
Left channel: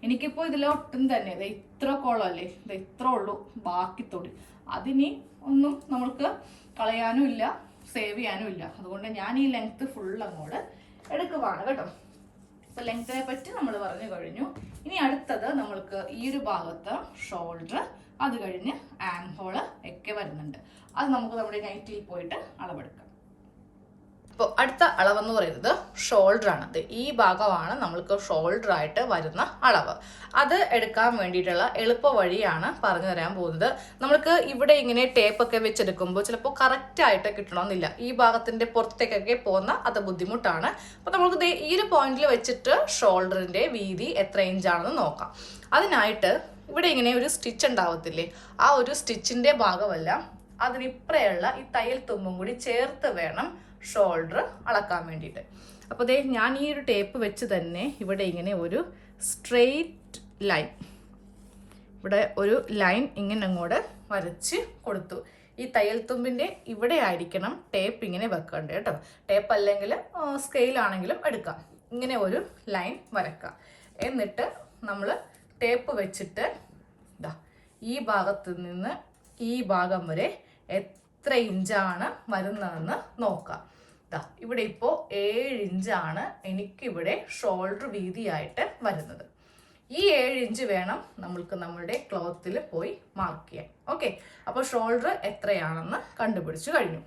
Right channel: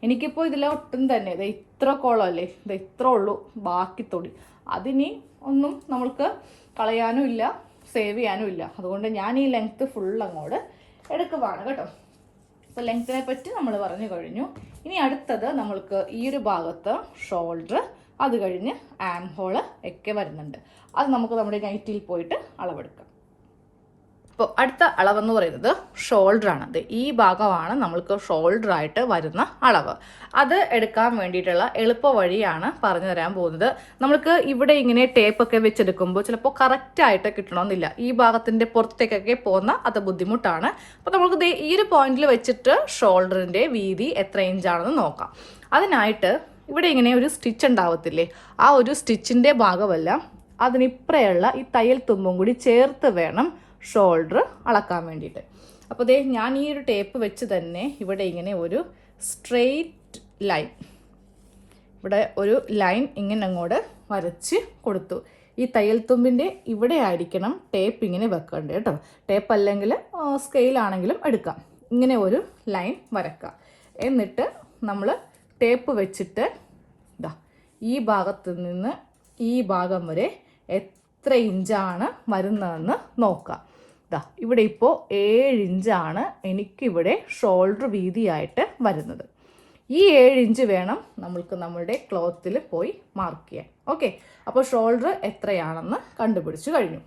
എനിക്കിപ്പോൾ ഇതിൽ ഒട്ടും തന്നെ ഇത് ഇത്ര കോളം അല്ലേ ഇത് ഇത്ര ഉള്ളൂ ബാക്കി തൊടി അതിനി ഒന്നും നമ്മൾക്ക് കളയാനും ഇല്ല. സേവ് ചെയ്യാനും ഇല്ല. അതുകൊണ്ട് ഞാൻ ഈ ലെങ്ത്ത് ഫുൾ അങ്ങോട്ട് എടുക്കുവാണ് കേട്ടോ. അപ്പോൾ ലെങ്ത്തിനെ പറ്റി നമ്മൾ പറഞ്ഞു കഴിഞ്ഞു. ഇനി അടുത്തത് നമ്മൾക്ക് ഈ ഒരു ഭാഗത്ത് ഷോൾഡർ അത് കഴിഞ്ഞ് ആം ഹോൾ ഒക്കെ വരുന്നുണ്ട്. അത് നമുക്ക് നമ്മുടെ നൈറ്റിൽ പോയിട്ട് അളവെടുക്കാം. അപ്പോൾ അടുത്ത അളവെന്ന് പറയുന്നത് ഷോൾഡർ ആണ്. ദേ ഈ ഭാഗമാണ് നമ്മൾക്ക് ഷോൾഡർ ആയിട്ട് വരുന്ന അളവ്. അത് എടുക്കാൻ വേണ്ടിയിട്ടുള്ള എളുപ്പ വഴിയാണ് പറഞ്ഞു തരാൻ പോകുന്നത്. നമ്മൾക്ക് ഇവിടെ ഇങ്ങനെ ടേപ്പ് ഒക്കെ വെച്ചെടുക്കുമ്പോൾ ചിലപ്പോൾ കറക്റ്റായിട്ട് കിട്ടണമെന്നില്ല. ഈ ഭാഗത്തിന്റെ പുറത്തേക്കൊക്കെ പോകുന്ന അത് ബുദ്ധിമുട്ടാണ്. അപ്പോൾ നമുക്ക് ദേ ഈ ഒരു പോയിന്റിൽ വെച്ചിട്ട് ഷോൾഡറിന്റെ വീതി എത്ര ഇഞ്ചാണെന്ന് നോക്കാം. അതിനായിട്ട് ഇവിടെ ഇങ്ങനെ ഒരു സ്റ്റിച്ച് ഉണ്ടാവത്തില്ലേ? ആ ഒരു സ്റ്റിച്ചിന്റെ ഭാഗമല്ല അതിനിപ്പറയുള്ള ഈ തയ്യൽ തുമ്പും കൂടി ചേർത്ത് വേണം ഷോൾഡർ അളക്കാൻ വേണ്ടിയിട്ട്. അപ്പോൾ ദേ ഞാൻ ഈ ഒരു ടേപ്പ് വെച്ച് തന്നെ ഇവിടെ ഇങ്ങനെ ഒരു സ്ട്രെയിറ്റ് ലൈൻ ഇവിടെ ഒരു ലൈൻ ഇങ്ങനെ അങ്ങോട്ട് വരച്ച് കൊടുത്തു. ഈ തയ്യൽ തുമ്പിന്റെ ഇവിടെ ആയിരിക്കണം ടേപ്പ് ഇങ്ങനെ വെക്കേണ്ടത് കേട്ടോ. ടേപ്പ് അല്ലെങ്കിൽ സ്കെയിലാണെങ്കിലും എടുക്കാം. ഇങ്ങനെ ഒരു ലൈൻ വരക്കാം എന്നിട്ട് നമ്മൾ ടേപ്പ് വെച്ചിട്ട് ഇതാ ഈ ഭാഗത്ത് നിന്ന് ഈ ഭാഗം വരെ എത്ര ഇഞ്ചാണ് വരുന്നതെന്ന് നോക്കാം. ഇതാ ഇവിടെ ഇപ്പോൾ ഏഴ് ഇഞ്ചാണ് എനിക്കിവിടെ ഷോൾഡർ വീതിയായിട്ട് വരുന്നത്. ഈ ഏഴ് ഇഞ്ച് വേണം നമ്മൾക്ക് നമ്മുടെ ക്ലോത്തിൽ പോയി മാർക്ക് ചെയ്യാൻ. ഓക്കെ അപ്പോൾ ഷോൾഡർ എത്രയാണെന്ന് കണ്ടുപിടിച്ചു കഴിഞ്ഞു.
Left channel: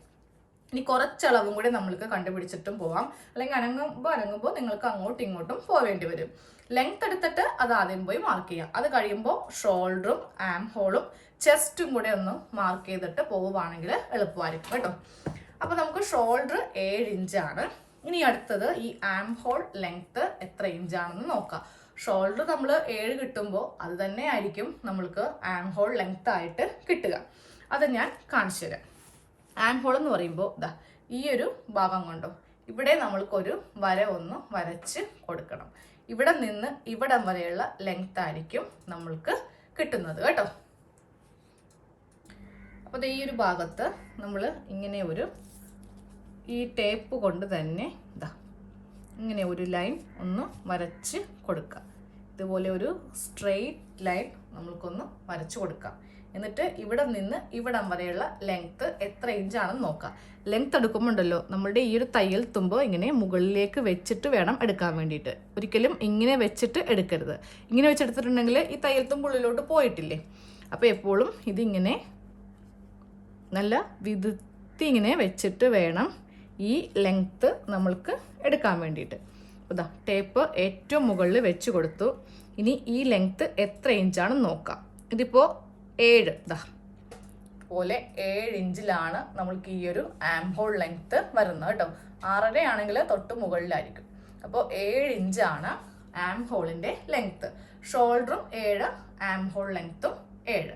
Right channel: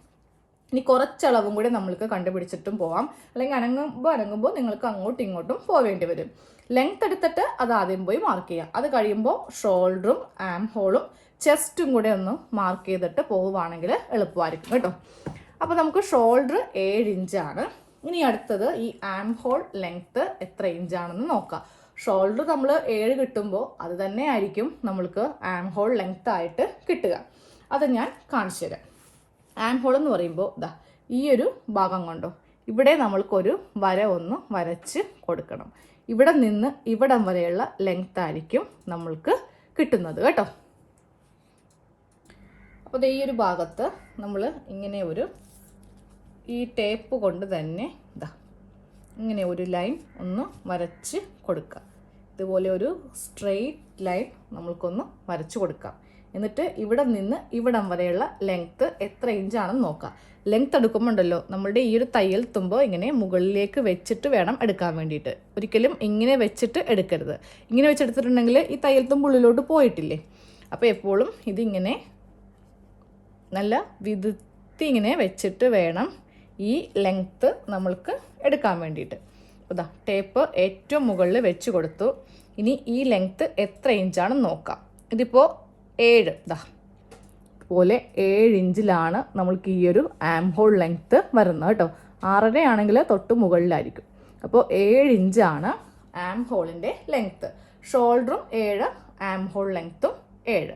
ഇനി കുറച്ചളവും കൂടെ നമ്മൾക്ക് കണ്ടുപിടിച്ചിട്ടും പോവാം. അല്ലെങ്കിൽ അനങ്ങുമ്പോൾ അനങ്ങുമ്പോൾ നിങ്ങൾക്ക് അങ്ങോട്ടും ഇങ്ങോട്ടും പോവേണ്ടി വരും. ലെങ്ത് എടുത്തിട്ട് അത് ആദ്യം പോയി മാർക്ക് ചെയ്യാം. അത് കഴിയുമ്പോൾ ഷോൾഡറും ആം ഹോളും ചെസ്റ്റും കൂടെ ഒന്ന് മാർക്ക് ചെയ്തിട്ട് പോവുകയാണെങ്കിൽ എളുപ്പമായിരിക്കും കേട്ടോ. അപ്പോൾ നമുക്ക് ഷോൾഡർ ഏഴ് ഇഞ്ചാണ് ഇനി അടുത്തത് ഈ ആം ഹോൾ ലെങ്ത് എത്ര ഇഞ്ചാണെന്ന് നോക്കാം. ഷോൾഡർ നമ്മൾ ഏഴ് കിട്ടുമ്പോൾ അത് തന്നെ ആയിരിക്കും നമ്മൾക്ക് ആം ഹോൾ ലെങ്ത് ആയിട്ട് കിട്ടുക. അത് ഞാൻ കാണിച്ചു തരാം. ആം ഹോൾ എന്ന് പറയുമ്പോൾ ഇതാ ഈ ഒരു ഭാഗം കൊണ്ടോ ഇവിടെ നമ്മൾക്കൊരു വര ഒന്ന് വരച്ച് കൊടുക്കണം. ഇവിടെ നിന്ന് ഇവിടം വരെയുള്ള ലെങ്ത് ആയിരിക്കും നമ്മൾക്ക് കിട്ടുന്നത് കേട്ടോ. അപ്പോൾ ഈ ഒരു ഭാഗത്ത് നമ്മൾ ഇങ്ങനെ ഒരു ഈ ടേപ്പ് കൊണ്ട് തന്നെ ഇതാ ഇങ്ങനെ ഒരു ലൈൻ ഒന്ന് വരച്ച് കൊടുക്കുക. ഇതുപോലെ ഒരു സ്ട്രെയിറ്റ് ലൈൻ നമ്മൾക്കൊന്ന് വരച്ച് കൊടുക്കാം. എന്നിട്ട് ഇവിടെ നിന്ന് ഇവിടം വരെയുള്ള ലെങ്ത്ത് എത്ര ഇഞ്ചാണെന്ന് നോക്കാം. ലെങ്ത് എടുക്കുമ്പോണ്ടല്ലോ നമ്മളുടെ ഈ ഒരു തയ്യൽ തുമ്പോൾ ഇങ്ങനെ മുകളിലേക്ക് വെച്ചിട്ട് വേണം എടുക്കാൻ വേണ്ടിയിട്ട്. ഒരിക്കലും ഇങ്ങനെ വെച്ചിട്ട് എടുക്കരുത്. ഇങ്ങനെ വെച്ചെടുത്തിട്ടുണ്ടെങ്കിൽ ഈ തയ്യൽ തുമ്പ് ഉള്ളിലോട്ട് പോയിട്ടില്ലേ? അപ്പോൾ എപ്പോഴും ഇതിങ്ങനെ നല്ല വിതുത്തി ഇങ്ങനെ വെച്ചിട്ട് വേണം ഈ ലെങ്ത്ത് നമ്മൾക്ക് എടുക്കാൻ വേണ്ടിയിട്ട്. ഇതാ ടേപ്പ് ഏറ്റവും മുകളിൽ വെച്ച് കൊടുത്തു. ഇനി ഈ ലെങ്ത്ത് എത്ര ഇഞ്ചാണെന്ന് നോക്കാം. ഇതിപ്പോൾ ഏഴ് ഇതാ. പോലെ ഏഴ് ഇഞ്ചിലാണ് നമ്മൾക്ക് ഈ ഒരു ആം ഹോൾ ലെങ്ത്ത് വരുന്നത് കേട്ടോ. ആറര ആണെങ്കിൽ തൊട്ട് മുകളിലായിരിക്കും. അപ്പോൾ ഏഴ് ഇഞ്ചാണ് ആം ഹോളിന്റെ ലെങ്ത്ത് ഷോൾഡറും ഏഴ് ആം ഹോൾ ലെങ്ത്തും ഏഴ്.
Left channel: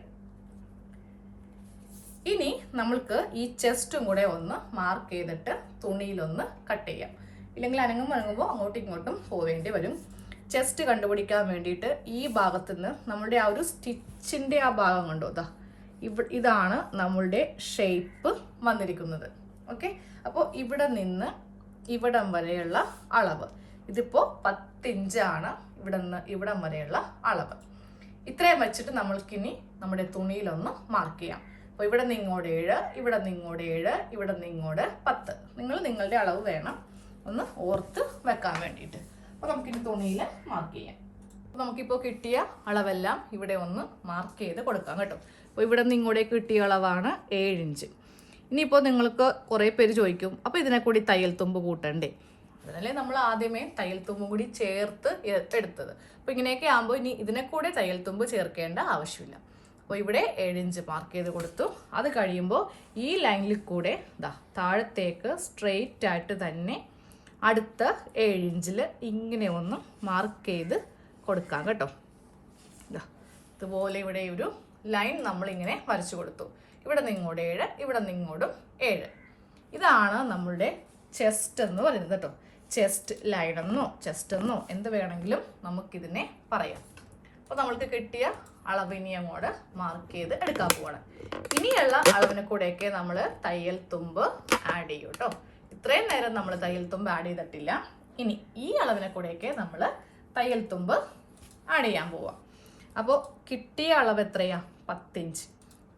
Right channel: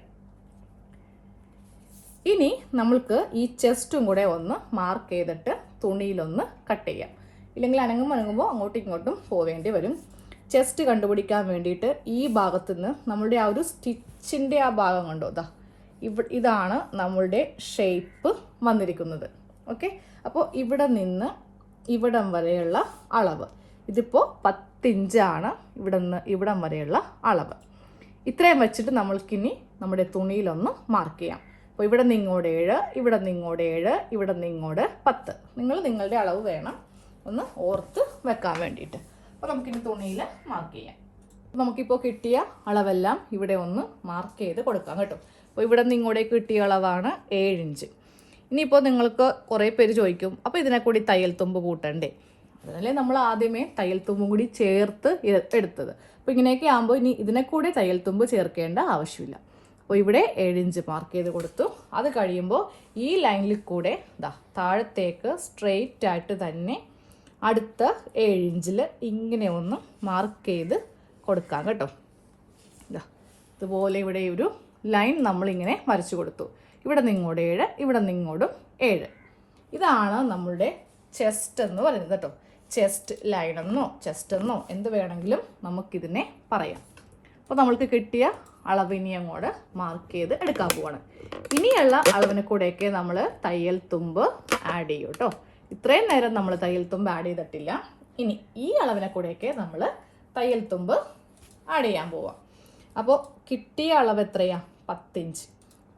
ഇനി നമ്മൾക്ക് ഈ ചെസ്റ്റും കൂടെ ഒന്ന് മാർക്ക് ചെയ്തിട്ട് തുണിയിലൊന്ന് കട്ട് ചെയ്യാം. ഇല്ലെങ്കിൽ അനങ്ങും അനങ്ങുമ്പോൾ അങ്ങോട്ടും ഇങ്ങോട്ടും പോവേണ്ടി വരും. ചെസ്റ്റ് കണ്ടുപിടിക്കാൻ വേണ്ടിയിട്ട് ഈ ഭാഗത്തു നിന്ന് നമ്മളുടെ ആ ഒരു സ്റ്റിച്ചിന്റെ ആ ഭാഗം കണ്ടോ? ഇതാ ഇവ ഇതാണ് നമ്മളുടെ ഷേപ്പ് വന്നിരിക്കുന്നത്. ഓക്കെ അപ്പോൾ ഇവിടെ നിന്ന് ഇവിടം വരെയുള്ള അളവ്. ഇതിപ്പോൾ പത്തിഞ്ചാണ് ഇവിടെ നിന്ന് ഇവിടം വരെയുള്ള അളവ്. ഇത്രയും വെച്ചിട്ട് നമ്മൾക്കിനി നമ്മുടെ തുണിയിലൊന്ന് മാർക്ക് ചെയ്യാം. അപ്പോൾ ഇവിടെ നിന്ന് ഇങ്ങോട്ട് ഏഴ് ഇവിടെ നിന്ന് ഇങ്ങോട്ട് ഏഴ് ഇവിടെ നിന്ന് ഇങ്ങോട്ട് പത്ത്. നിങ്ങൾ നിങ്ങളുടെ അളവ് വേണം ഒന്ന് ഓർത്ത് വെക്കാൻ വേണ്ടിയിട്ട്. അപ്പോൾ നമുക്കിനി തുണിയിൽ മാർക്ക് ചെയ്യാം. നമുക്കിപ്പോൾ കിട്ടിയ അളവെല്ലാം ഇവിടെ ഒന്ന് മാർക്ക് ചെയ്ത് കൊടുക്കാം കേട്ടോ. അപ്പോൾ ഇവിടെ നിന്ന് കിട്ടിയ അളവാണ് ഏഴ് ഇഞ്ച്. ഇനിയിപ്പോൾ നിങ്ങൾക്ക് കുറേ പേര് ചോദിക്കും അപ്പോൾ ഇതിനെ കൂടി തയ്യൽ തുമ്പ് കൂട്ടണ്ടേ? അതല്ലേ നമ്മൾ ആദ്യമേ തയ്യൽ തുമ്പ് കൂടി ചേർത്ത് എടുത്തത്. അപ്പോൾ ഇങ്ങനെയൊക്കെ ആകുമ്പോൾ ഇനി ഇതിനെ കൂടി തയ്യൽ തുമ്പ് ചേർക്കേണ്ട ആവശ്യമില്ല. അപ്പോൾ ഇവിടെ ഏഴിഞ്ച് മാർക്ക് ചെയ്ത് കൊടുത്തു. അത് കഴിയുമ്പോൾ ഈ ലൈനിൽ കൂടെ ഇതാ താഴത്തേക്ക് സ്ട്രെയിറ്റ് ആയിട്ട് തന്നെ അടുത്ത ഏഴിഞ്ചിൽ ഇങ്ങനെ ഒന്ന് മാർക്ക് ചെയ്ത് കൊടുക്കാം കേട്ടോ. ഇതാ ഇതുപോലെ ഇവിടെ ഒരു ലൈൻ നമ്മളിങ്ങനെ വരച്ചു കൊടുത്തു. ഇവിടെ നിങ്ങളുടെ ഏഴ് ഇവിടെ നിങ്ങോടും ഏഴ്. ഇതാണ് നമ്മളുടെ ചെസ്റ്റ് എന്ന് പറയുന്നത് കേട്ടോ. ചെസ്റ്റ് ലൈനെന്നോ ചെസ്റ്റ് എന്നോ എന്ത് വേണമെങ്കിലും നമുക്കിതിനെ പറയാം. അപ്പോൾ നമ്മൾക്ക് കിട്ടിയ അളവിനി അങ്ങോട്ട് മാർക്ക് ചെയ്ത് എടുക്കാൻ പോവാണ്. ഇനിയുള്ള അളവിന് കൂടെയൊക്കെ നമ്മൾ തയ്യൽ തുമ്പ് ആഡ് ചെയ്യും കേട്ടോ ഇത്രയും നേരം നമ്മൾ തയ്യൽ തുമ്പ് ആഡ് ചെയ്തിട്ടില്ല. ഇനി ഈ അളവിനെ കൂടെയൊക്കെ നമ്മൾ തയ്യൽ തുമ്പ് ആഡ് ചെയ്യാൻ പോവാം. അപ്പോൾ കിട്ടിയ അളവ് എത്രയാണ് പത്തിഞ്ച്.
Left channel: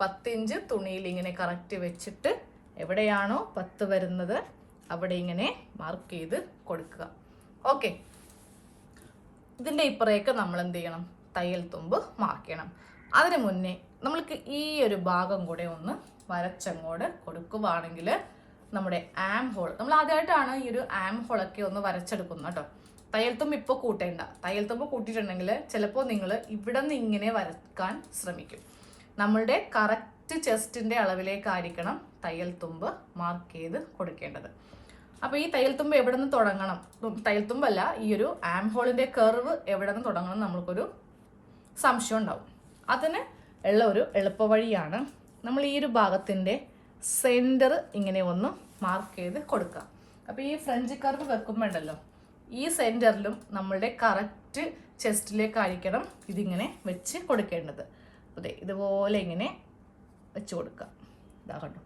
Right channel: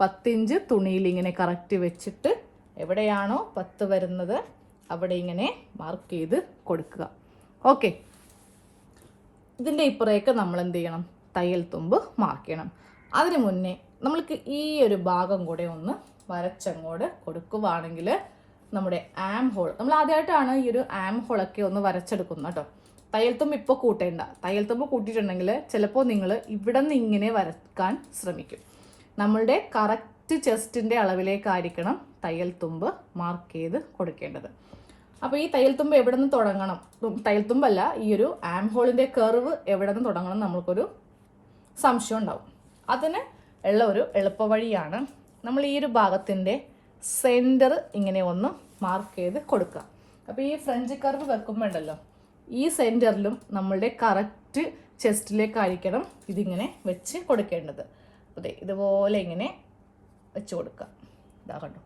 പത്തിഞ്ച് തുണിയിൽ ഇങ്ങനെ കറക്റ്റ് വെച്ചിട്ട് എവിടെയാണോ പത്ത് വരുന്നത് അവിടെ ഇങ്ങനെ മാർക്ക് ചെയ്ത് കൊടുക്കുക. ഓക്കെ ഇതിന്റെ ഇപ്പുറയൊക്കെ നമ്മൾ എന്ത് ചെയ്യണം? തയ്യൽ തുമ്പ് മാർക്ക് ചെയ്യണം അതിനു മുന്നേ നമ്മൾക്ക് ഈ ഒരു ഭാഗം കൂടെ ഒന്ന് വരച്ചങ്ങോട്ട് കൊടുക്കുവാണെങ്കിൽ നമ്മുടെ ആം ഹോൾ നമ്മൾ ആദ്യമായിട്ടാണ് ഈ ഒരു ആം ഹോളൊക്കെ ഒന്ന് വരച്ചെടുക്കുന്നത് കേട്ടോ. തയ്യൽ തുമ്പ് ഇപ്പോൾ കൂട്ടേണ്ട. തയ്യൽ തുമ്പ് കൂട്ടിയിട്ടുണ്ടെങ്കിൽ ചിലപ്പോൾ നിങ്ങൾ ഇവിടെ നിന്ന് ഇങ്ങനെ വരക്കാൻ ശ്രമിക്കും. നമ്മളുടെ കറക്റ്റ് ചെസ്റ്റിന്റെ അളവിലേക്കായിരിക്കണം തയ്യൽ തുമ്പ് മാർക്ക് ചെയ്ത് കൊടുക്കേണ്ടത്. അപ്പോൾ ഈ തയ്യൽ തുമ്പ് എവിടെ നിന്ന് തുടങ്ങണം തയ്യൽ തുമ്പല്ല ഈ ഒരു ആം ഹോളിന്റെ കർവ് എവിടെ നിന്ന് തുടങ്ങണം നമ്മൾക്കൊരു സംശയം ഉണ്ടാവും അതിന് ഉള്ള ഒരു എളുപ്പവഴിയാണ് നമ്മൾ ഈ ഒരു ഭാഗത്തിന്റെ സെന്റർ ഇങ്ങനെ ഒന്ന് മാർക്ക് ചെയ്ത് കൊടുക്കുക. അപ്പോൾ ഈ ഫ്രഞ്ച് കർവ് വെക്കുമ്പോൾ ഉണ്ടല്ലോ ഈ സെന്ററിലും നമ്മളുടെ കറക്റ്റ് ചെസ്റ്റിലേക്കായിരിക്കണം ഇതിങ്ങനെ വെച്ച് കൊടുക്കേണ്ടത്. അതെ ഇതുപോലെ ഇങ്ങനെ വെച്ച് കൊടുക്കുക. ഇതാ കണ്ടോ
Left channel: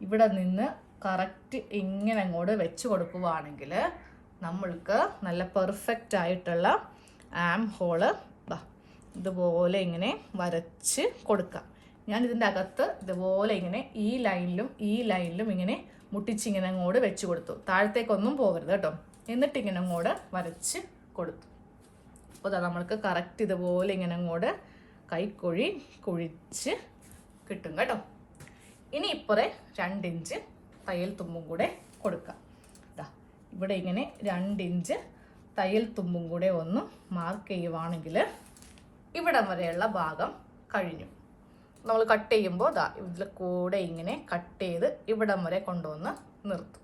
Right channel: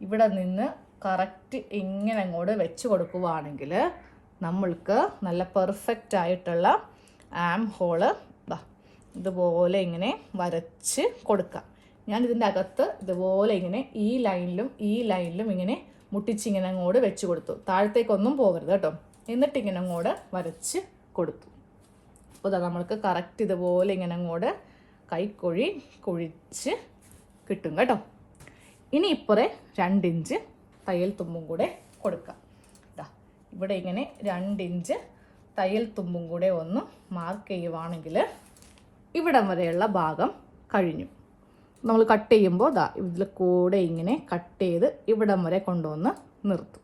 ഇവിടെ നിന്ന് കറക്റ്റ് ഇങ്ങനെ അങ്ങോട്ട് വെച്ച് കൊടുക്കുവാണെങ്കിൽ നമ്മൾക്ക് നല്ല പെർഫെക്റ്റ് ആയിട്ടുള്ള ആം ഹോൾ ഇതുപോലെ ഇങ്ങനെ വരച്ച് കൊടുക്കാം. ഞാൻ ഇതിന്റെ അകത്ത് ഇതുപോലെ ഇങ്ങനെ ഈ ലൈനിലും ഈ ലൈനിലും ഇങ്ങനെ മുട്ടിച്ചിങ്ങനെ അങ്ങോട്ട് വെച്ച് കൊടുത്തു. താഴത്തേക്കൊന്നും പോകരുത് കേട്ടോ. എന്നിട്ട് ഇങ്ങനെ അങ്ങോട്ട് വരച്ച് കൊടുത്തു. അപ്പോൾ ഇതാ നമ്മൾക്ക് കറക്റ്റ് ഇതുപോലെ ഇങ്ങനെ അങ്ങോട്ട് കൈക്കൊഴി കുഴിച്ച് കിട്ടും കേട്ടോ. ഇനി ഇപ്പുറേ രണ്ടിഞ്ച് തയ്യൽ തുമ്പും കൂടെ കൊടുക്കാം. ദാ ഇവിടെ ഇങ്ങനെ രണ്ടിഞ്ച് തയ്യൽ തുമ്പും കൂടെ ഒന്ന് മാർക്ക് ചെയ്യുവാണെങ്കിൽ ഇവിടം വരെയുള്ള ഭാഗം കഴിഞ്ഞു. നമ്മൾ കട്ട് ചെയ്യുമ്പോൾ ദാ ഇതിൽ കൂടെ ഇങ്ങനെ കട്ട് ചെയ്ത് ഇവിടം വരെ കൊണ്ടുവന്ന് നിർത്തും.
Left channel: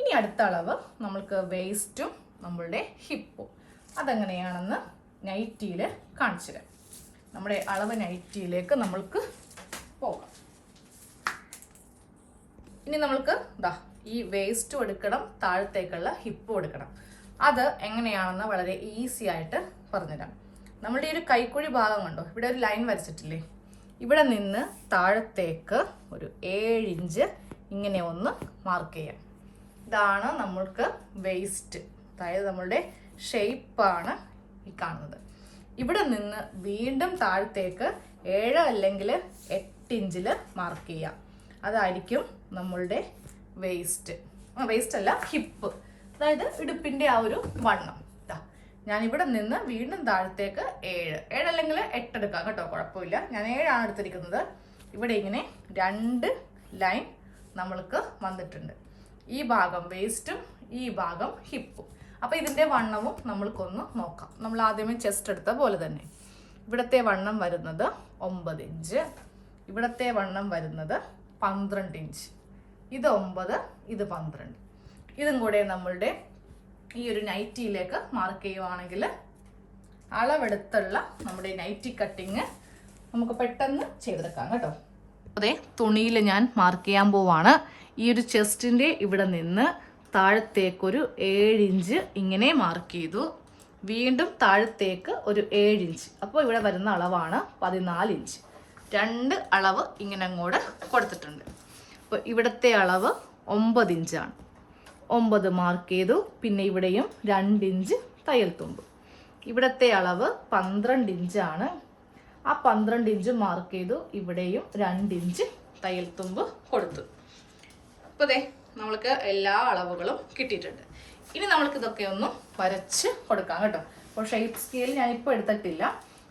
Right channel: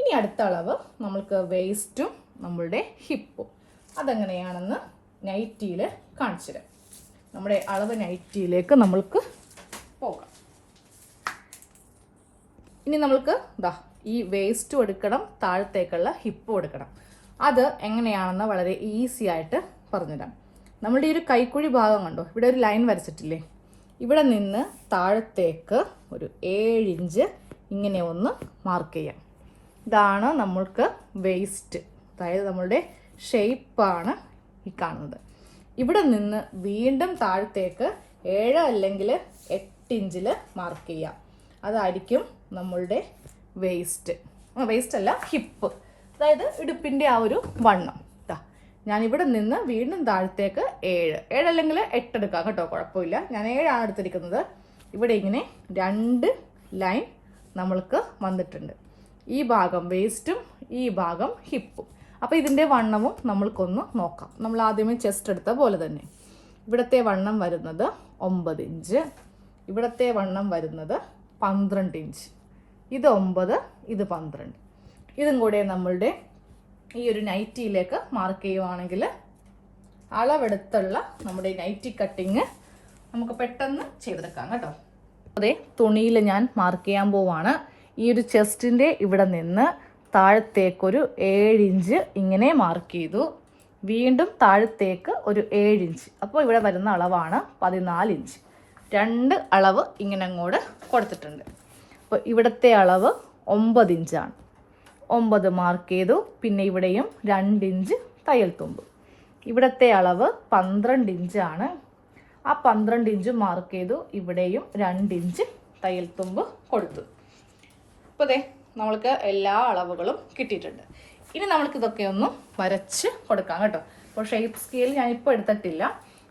ഇനി അടുത്ത അളവ് നമ്മൾക്ക് വേസ്റ്റും നമ്മളുടെ ഹിപ്പും അതെങ്ങനെയാണെന്ന് നൈറ്റിയിൽ കാണിച്ചു തരാം. നമ്മുടെ അളവ് നൈറ്റിയിലേക്ക് നമ്മൾക്ക് പോകാം. ഇനി നമ്മൾക്ക് ഇതാ ഈ വേസ്റ്റും എടുക്കണം താഴത്തേക്കുള്ള ഹിപ്പും എടുക്കണം. അത് എങ്ങനെയാണെന്ന് വളരെ ഈസി ആയിട്ട് പറഞ്ഞുതരാം. നമ്മളുടെ ഈ ഒരു കൈക്കുഴി ഭാഗം കണ്ടോ? ഇവിടെ ഒരു ലൈൻ വരച്ചിട്ടില്ലേ? ഇവിടെ നിന്ന് താഴത്തേക്ക് ഒരു ഏഴ് ഇഞ്ച് ഇങ്ങനെ ഒന്ന് മാർക്ക് ചെയ്യാം. ഇതാണ് നമ്മൾക്ക് വേസ്റ്റ് അതായത് നമ്മളുടെ ഷേപ്പാണ് ഈ കാണുന്നത്. ഇവിടെ നിന്ന് വീണ്ടും താഴത്തേക്ക് ഏഴ് അല്ലെങ്കിൽ എട്ട് ഇഞ്ചിൽ മാർക്ക് ചെയ്യാം. അതായിരിക്കും നമ്മളുടെ വേസ്റ്റ് വേസ്റ്റ് അല്ല ഹിപ്പ് അതായത് ഇടുപ്പിന്റെ ആ ഒരു വണ്ണം. ഞാൻ ഇവിടെ നിന്ന് വീണ്ടും താഴത്തേക്ക് ഏഴ്. ഏഴല്ലെങ്കിൽ എട്ട് എടുക്കാം കേട്ടോ കുഴപ്പമില്ല. ഞാൻ ഏഴാണ് എടുത്തിരിക്കുന്നത്. ഇവിടെ ഇങ്ങനെ രണ്ട് ലൈൻ നമ്മൾക്ക് വന്നിട്ടുണ്ട്. ഈ ഭാഗം വേസ്റ്റും ഈ ഭാഗം ഹിപ്പും. അപ്പോൾ ഇതിന്റെ വണ്ണവും നമ്മൾക്കൊന്ന് നോക്കാം. നമ്മൾ ആദ്യമേ ചെസ്റ്റ് എടുത്ത പോലെ തന്നെ. ഇവിടത്തെ വണ്ണം വരുന്നത് ഒമ്പത് ഇഞ്ച്. ഇവിടത്തെ വണ്ണം വരുന്നത് പന്ത്രണ്ട് ഇഞ്ച്. ഇത് ഒമ്പത് ഇത് പന്ത്രണ്ട്. ഇതും കൂടെ നമ്മളുടെ ഈ ഒരു നൈറ്റിയിലേക്ക് മാർക്ക് ചെയ്യുവാണെങ്കിൽ അളവെടുത്തുള്ള നമ്മുടെ നൈറ്റി കട്ടിങ് നമുക്ക് പെട്ടെന്ന് ചെയ്തെടുക്കാം കേട്ടോ. അതെ തുണിയിൽ ഞാൻ മാർക്ക് ചെയ്യാൻ പോവാണ്. ഈ ഒരു ചെസ്റ്റിന്റെ ഇവിടെ നിന്ന് താഴത്തേക്കൊരു ഏഴ് ഇഞ്ച് ഇങ്ങനെ മാർക്ക് ചെയ്തു. വീണ്ടും താഴത്തേക്ക് ഒരു ഏഴ് ഇഞ്ച് അപ്പോൾ ഇവിടെ വരുന്ന അളവാണ് പതിനാല് ഇഞ്ച് രണ്ട് അളവ് ഇങ്ങനെ അങ്ങോട്ട് കൊടുത്തിട്ടുണ്ട്. അപ്പോൾ ഇവിടുത്തെ അളവ് ഒമ്പത് ഇഞ്ചാണ് ഒമ്പത് മാർക്ക് ചെയ്തു. പിന്നെ ഇവിടെയും രണ്ട് ഇഞ്ച് തയ്യൽ തുമ്പ്. ഇവിടത്തെ അളവ് പന്ത്രണ്ട് ഇഞ്ചാണ് ആ പന്ത്രണ്ട് ഇഞ്ച് മാർക്ക് ചെയ്തു. ഇവിടെയും രണ്ട് ഇഞ്ച് തയ്യൽ തുമ്പ് കൊടുത്തു. അപ്പോൾ അതെ നമ്മൾക്ക് എല്ലാ അളവുകളും കിട്ടിയിട്ടുണ്ട്. ഇനി നമ്മൾക്ക് ഇതൊക്കെ ഒന്ന് വരച്ച് കൊടുക്കാം കേട്ടോ. അപ്പോൾ ഷേപ്പ് സ്കെയിൽ ഞാൻ ഇപ്പോൾ എടുത്തിട്ടില്ല.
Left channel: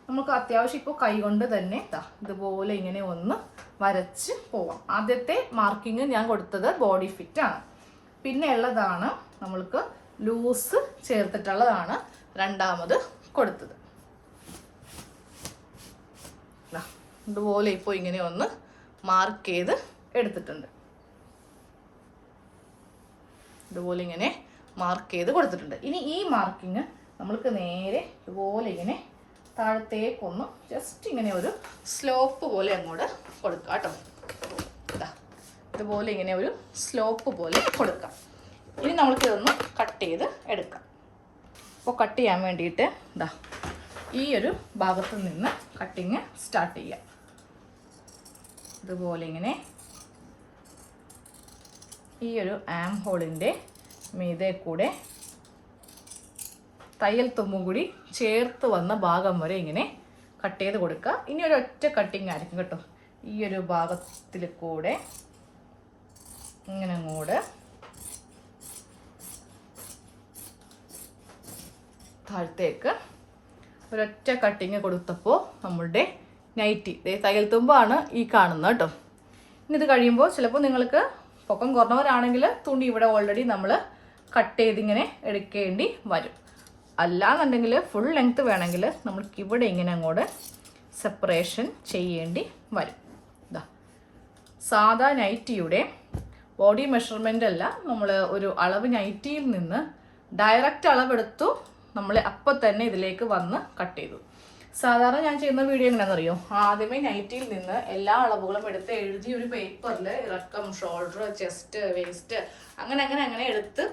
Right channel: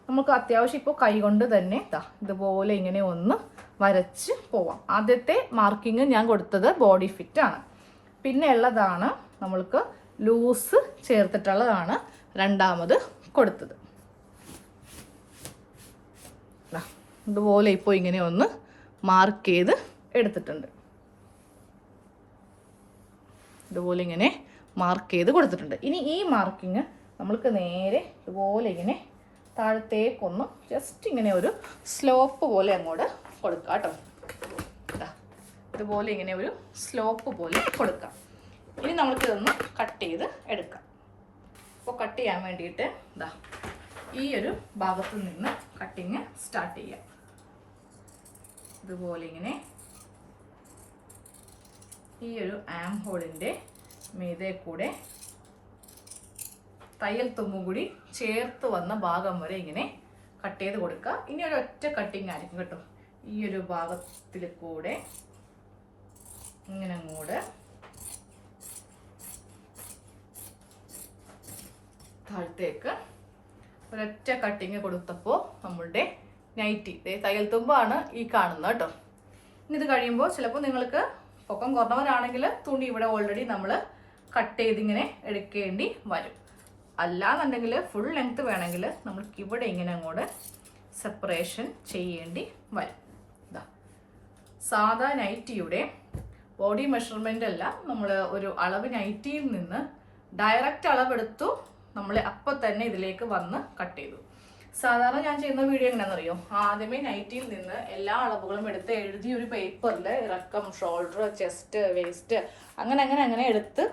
നമുക്ക് അത്യാവശ്യം ഇപ്പോൾ കൈകൊണ്ട് തന്നെ ദാ ഇതുപോലെ ഇങ്ങനെ ഒന്ന് വരച്ച് പോവാം. ആദ്യത്തെ മാർക്കിങ് ഞാൻ കൊടുത്തത് ബോഡി ഫിറ്റ് ആണ്. പിന്നെ ഉള്ളതാണ് നമ്മൾക്ക് ലൂസ് ചേർത്തിട്ടുള്ളതാണ് രണ്ടാമത് കൊടുത്തത്. ഇതുപോലെ ഇപ്പോൾ ഇങ്ങനെ ഒന്ന് മാർക്ക് ചെയ്ത് എടുത്തിട്ടുണ്ട്. ഇതുപോലെ ഇങ്ങനെ മാർക്ക് ചെയ്ത് കൊടുത്തിട്ടുണ്ട്. ഇനി ഈ മാർക്കിങ് നമ്മൾക്ക് നേരെ ഇതുപോലെ ഇങ്ങനെ താഴത്തേക്കൊന്നും ജസ്റ്റ് ഇങ്ങനെ ഒരു സ്ലോപ്പ് പോലെ അങ്ങോട്ട് കൊടുക്കാം കേട്ടോ ഇതുപോലെ ഇങ്ങനെ ഒരു സ്ലോപ്പ് പോലെ കൊടുക്കാം. ഇനി നമ്മൾക്കിതൊന്ന് കട്ട് ചെയ്ത് എടുക്കാം. അപ്പോൾ കട്ട് ചെയ്യാൻ വേണ്ടിയിട്ട് ഇതാ ഈ ഒരു ഭാഗത്ത് നിന്ന് കട്ടിങ് സ്റ്റാർട്ട് ചെയ്യാം. ഇതുപോലെ ഇങ്ങനെ ഈ ഒരു ആം ഹോളിന്റെ മീതെ കൂടെ തയ്യൽ തുമ്പും കൂടി ചേർത്ത് വന്ന ഭാഗം വരെ ഇങ്ങനെ കട്ട് ചെയ്ത് കൊടുക്കുക. ഇനി ഒരു ഒറ്റ കട്ടിങ് ആയിരിക്കും കേട്ടോ. ഈ ഒരു ഭാഗത്തിൽ കൂടെ ഇങ്ങനെ അങ്ങോട്ട് താഴത്തേക്ക് ഒരൊറ്റ കട്ടിങ് കൊടുത്തപ്പോൾ നമ്മളുടെ നൈറ്റി തയ്യൽ തുമ്പാണ് ഈ കാണുന്നത് കേട്ടോ. ഇനി ഇത് കഴിയുമ്പോൾ ചിലപ്പോൾ നിങ്ങൾക്ക് പൊക്കം കുറഞ്ഞവരാണെങ്കിൽ തുണി ഇവിടെ ഓൾറെഡി നമ്മൾ കട്ട് ചെയ്തിങ്ങനെ എടുക്കേണ്ടി വരും. അല്ലാന്നുണ്ടെങ്കിൽ ഫുൾ ലെങ്ത് വേണമെങ്കിൽ നമ്മൾക്ക് ഇവിടെ ഇങ്ങനെ അങ്ങോട്ട് സെപ്പറേഷൻ ചെയ്യേണ്ടി വരും. സാധാ നൈറ്റിയുടെ ബോഡി മെഷർമെന്റ് അല്ല. നമ്മൾ ഒരു അളവ് നൈറ്റിയിൽ നിന്ന് ഡയറക്റ്റ് അളവെടുത്തു നമ്മൾ അപ്പം തന്നെ ഇതിലേക്ക് വന്ന് കട്ട് ചെയ്തു. സാധാരണ ഞാൻ ചെയ്യുന്ന വീഡിയോ എങ്ങനെയാണെന്നറിയോ? ആദ്യമേ നൈറ്റിയിൽ നിന്ന് എല്ലാ അളവുകളും എടുത്ത് എഴുതി ഒരു പേപ്പറിൽ ഇറക്കം ഷോൾഡർ ചെസ്റ്റ് വേസ്റ്റ് അങ്ങനെ അങ്ങനെ അങ്ങനെ എടുത്ത്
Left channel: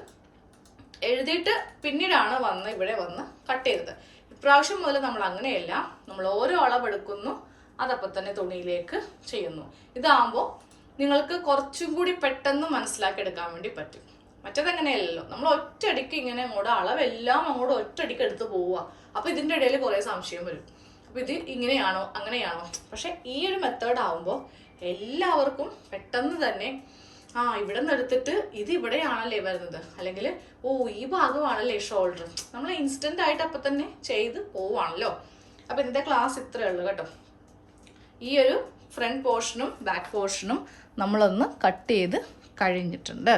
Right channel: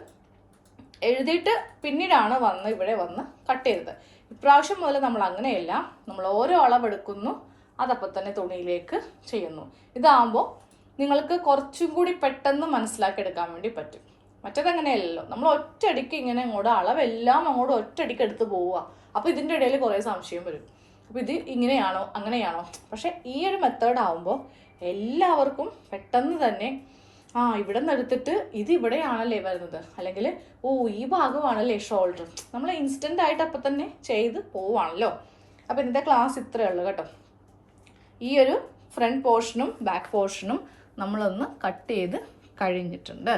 എഴുതിയിട്ട് പിന്നീടാണ് വന്ന് ഇവിടെ വന്ന് കട്ട് ചെയ്തത്. ഇപ്രാവശ്യം മുതൽ നമ്മൾ അങ്ങനെയല്ല. നമ്മൾ ഓരോ അളവെടുക്കുന്നു. അതപ്പം തന്നെ തുണിയിലേക്ക് ചെയ്യുന്നു. ഇതാകുമ്പോൾ നിങ്ങൾക്ക് കുറച്ചും കൂടി പെട്ടെന്ന് മനസ്സിലാക്കിയെടുക്കാൻ വേണ്ടി പറ്റും. മറ്റേതങ്ങനെയല്ലല്ലോ. നമ്മൾ ഒറ്റയടിക്ക് ഇങ്ങനെ അങ്ങോട്ട് അളവെല്ലാം അങ്ങോട്ട് ഒറ്റയടിക്ക് എടുത്ത് പോവുക. അപ്പോൾ ഇതിന്റെ ഇടയിൽ കുറേ സംശയം വരും. അപ്പോൾ ഇത് ഇങ്ങനെയാണോ അങ്ങനെയാണോ? പക്ഷേ ഈ ഒരു മെത്തേഡ് ആവുമ്പോൾ എല്ലാവർക്കും പെട്ടെന്ന് തന്നെ ആ ഇവിടെ നിന്ന് എടുത്തിട്ട് ഇത് ഇവിടെയാണല്ലേ വരുന്നത്. അല്ലെങ്കിൽ ഓ ഈ ഭാഗമാണല്ലേ ഷോൾഡർ നമ്മൾ ഇൻസ്റ്റന്റ് ആയിട്ട് അപ്പം തന്നെ ചെയ്ത് പോവാണല്ലോ അപ്പോൾ ഇന്നത്തെ ക്ലാസ് ഇത്രയേ ഉള്ളൂ കേട്ടോ. ഈ ഒരു ഫ്രണ്ട് പോർഷനും ബാക്ക് പോർഷനും നമ്മളൊന്ന് കട്ട് ചെയ്ത് കഴിഞ്ഞിട്ടുണ്ട്.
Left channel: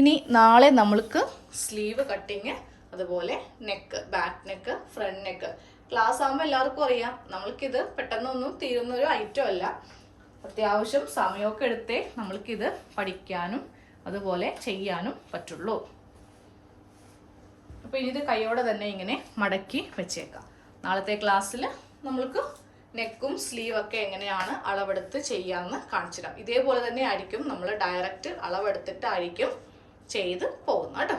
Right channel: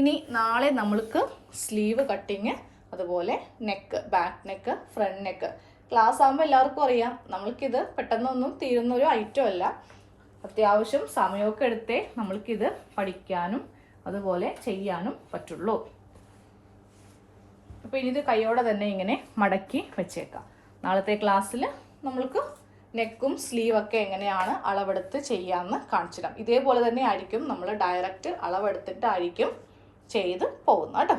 ഇനി നാളെ നമ്മൾക്ക് സ്ലീവ് കട്ടിങ് അതുപോലെ neck back neck front neck class ആകുമ്പോൾ എല്ലാവർക്കും അറിയാം. നമ്മൾക്കിത് പെട്ടെന്നൊന്നും തീരുന്ന ഒരു ഐറ്റം അല്ല. അത്യാവശ്യം സമയമൊക്കെ എടുത്തേ നമ്മൾക്കിത് പഠിക്കാനും അതുപോലെ ചെയ്യാനും പറ്റുള്ളൂ. അപ്പോൾ ഇനി ഇത് കൈയോടെ തന്നെ ഇങ്ങനെ മടക്കി വെച്ചേക്കാം. നാളത്തെ ക്ലാസ്സിൽ നമ്മൾക്ക് നെക്കും സ്ലീവ് ഒക്കെ എങ്ങനെയാണ് അളവെടുത്ത് ചെയ്യാമെന്ന് കാണിച്ചിടാം ഇതേപോലെ തന്നെ ആയിരിക്കും നമ്മൾ ഡയറക്റ്റ് അളവെടുത്തിട്ടായിരിക്കും ചെയ്ത് പോകുന്നത് കേട്ടോ.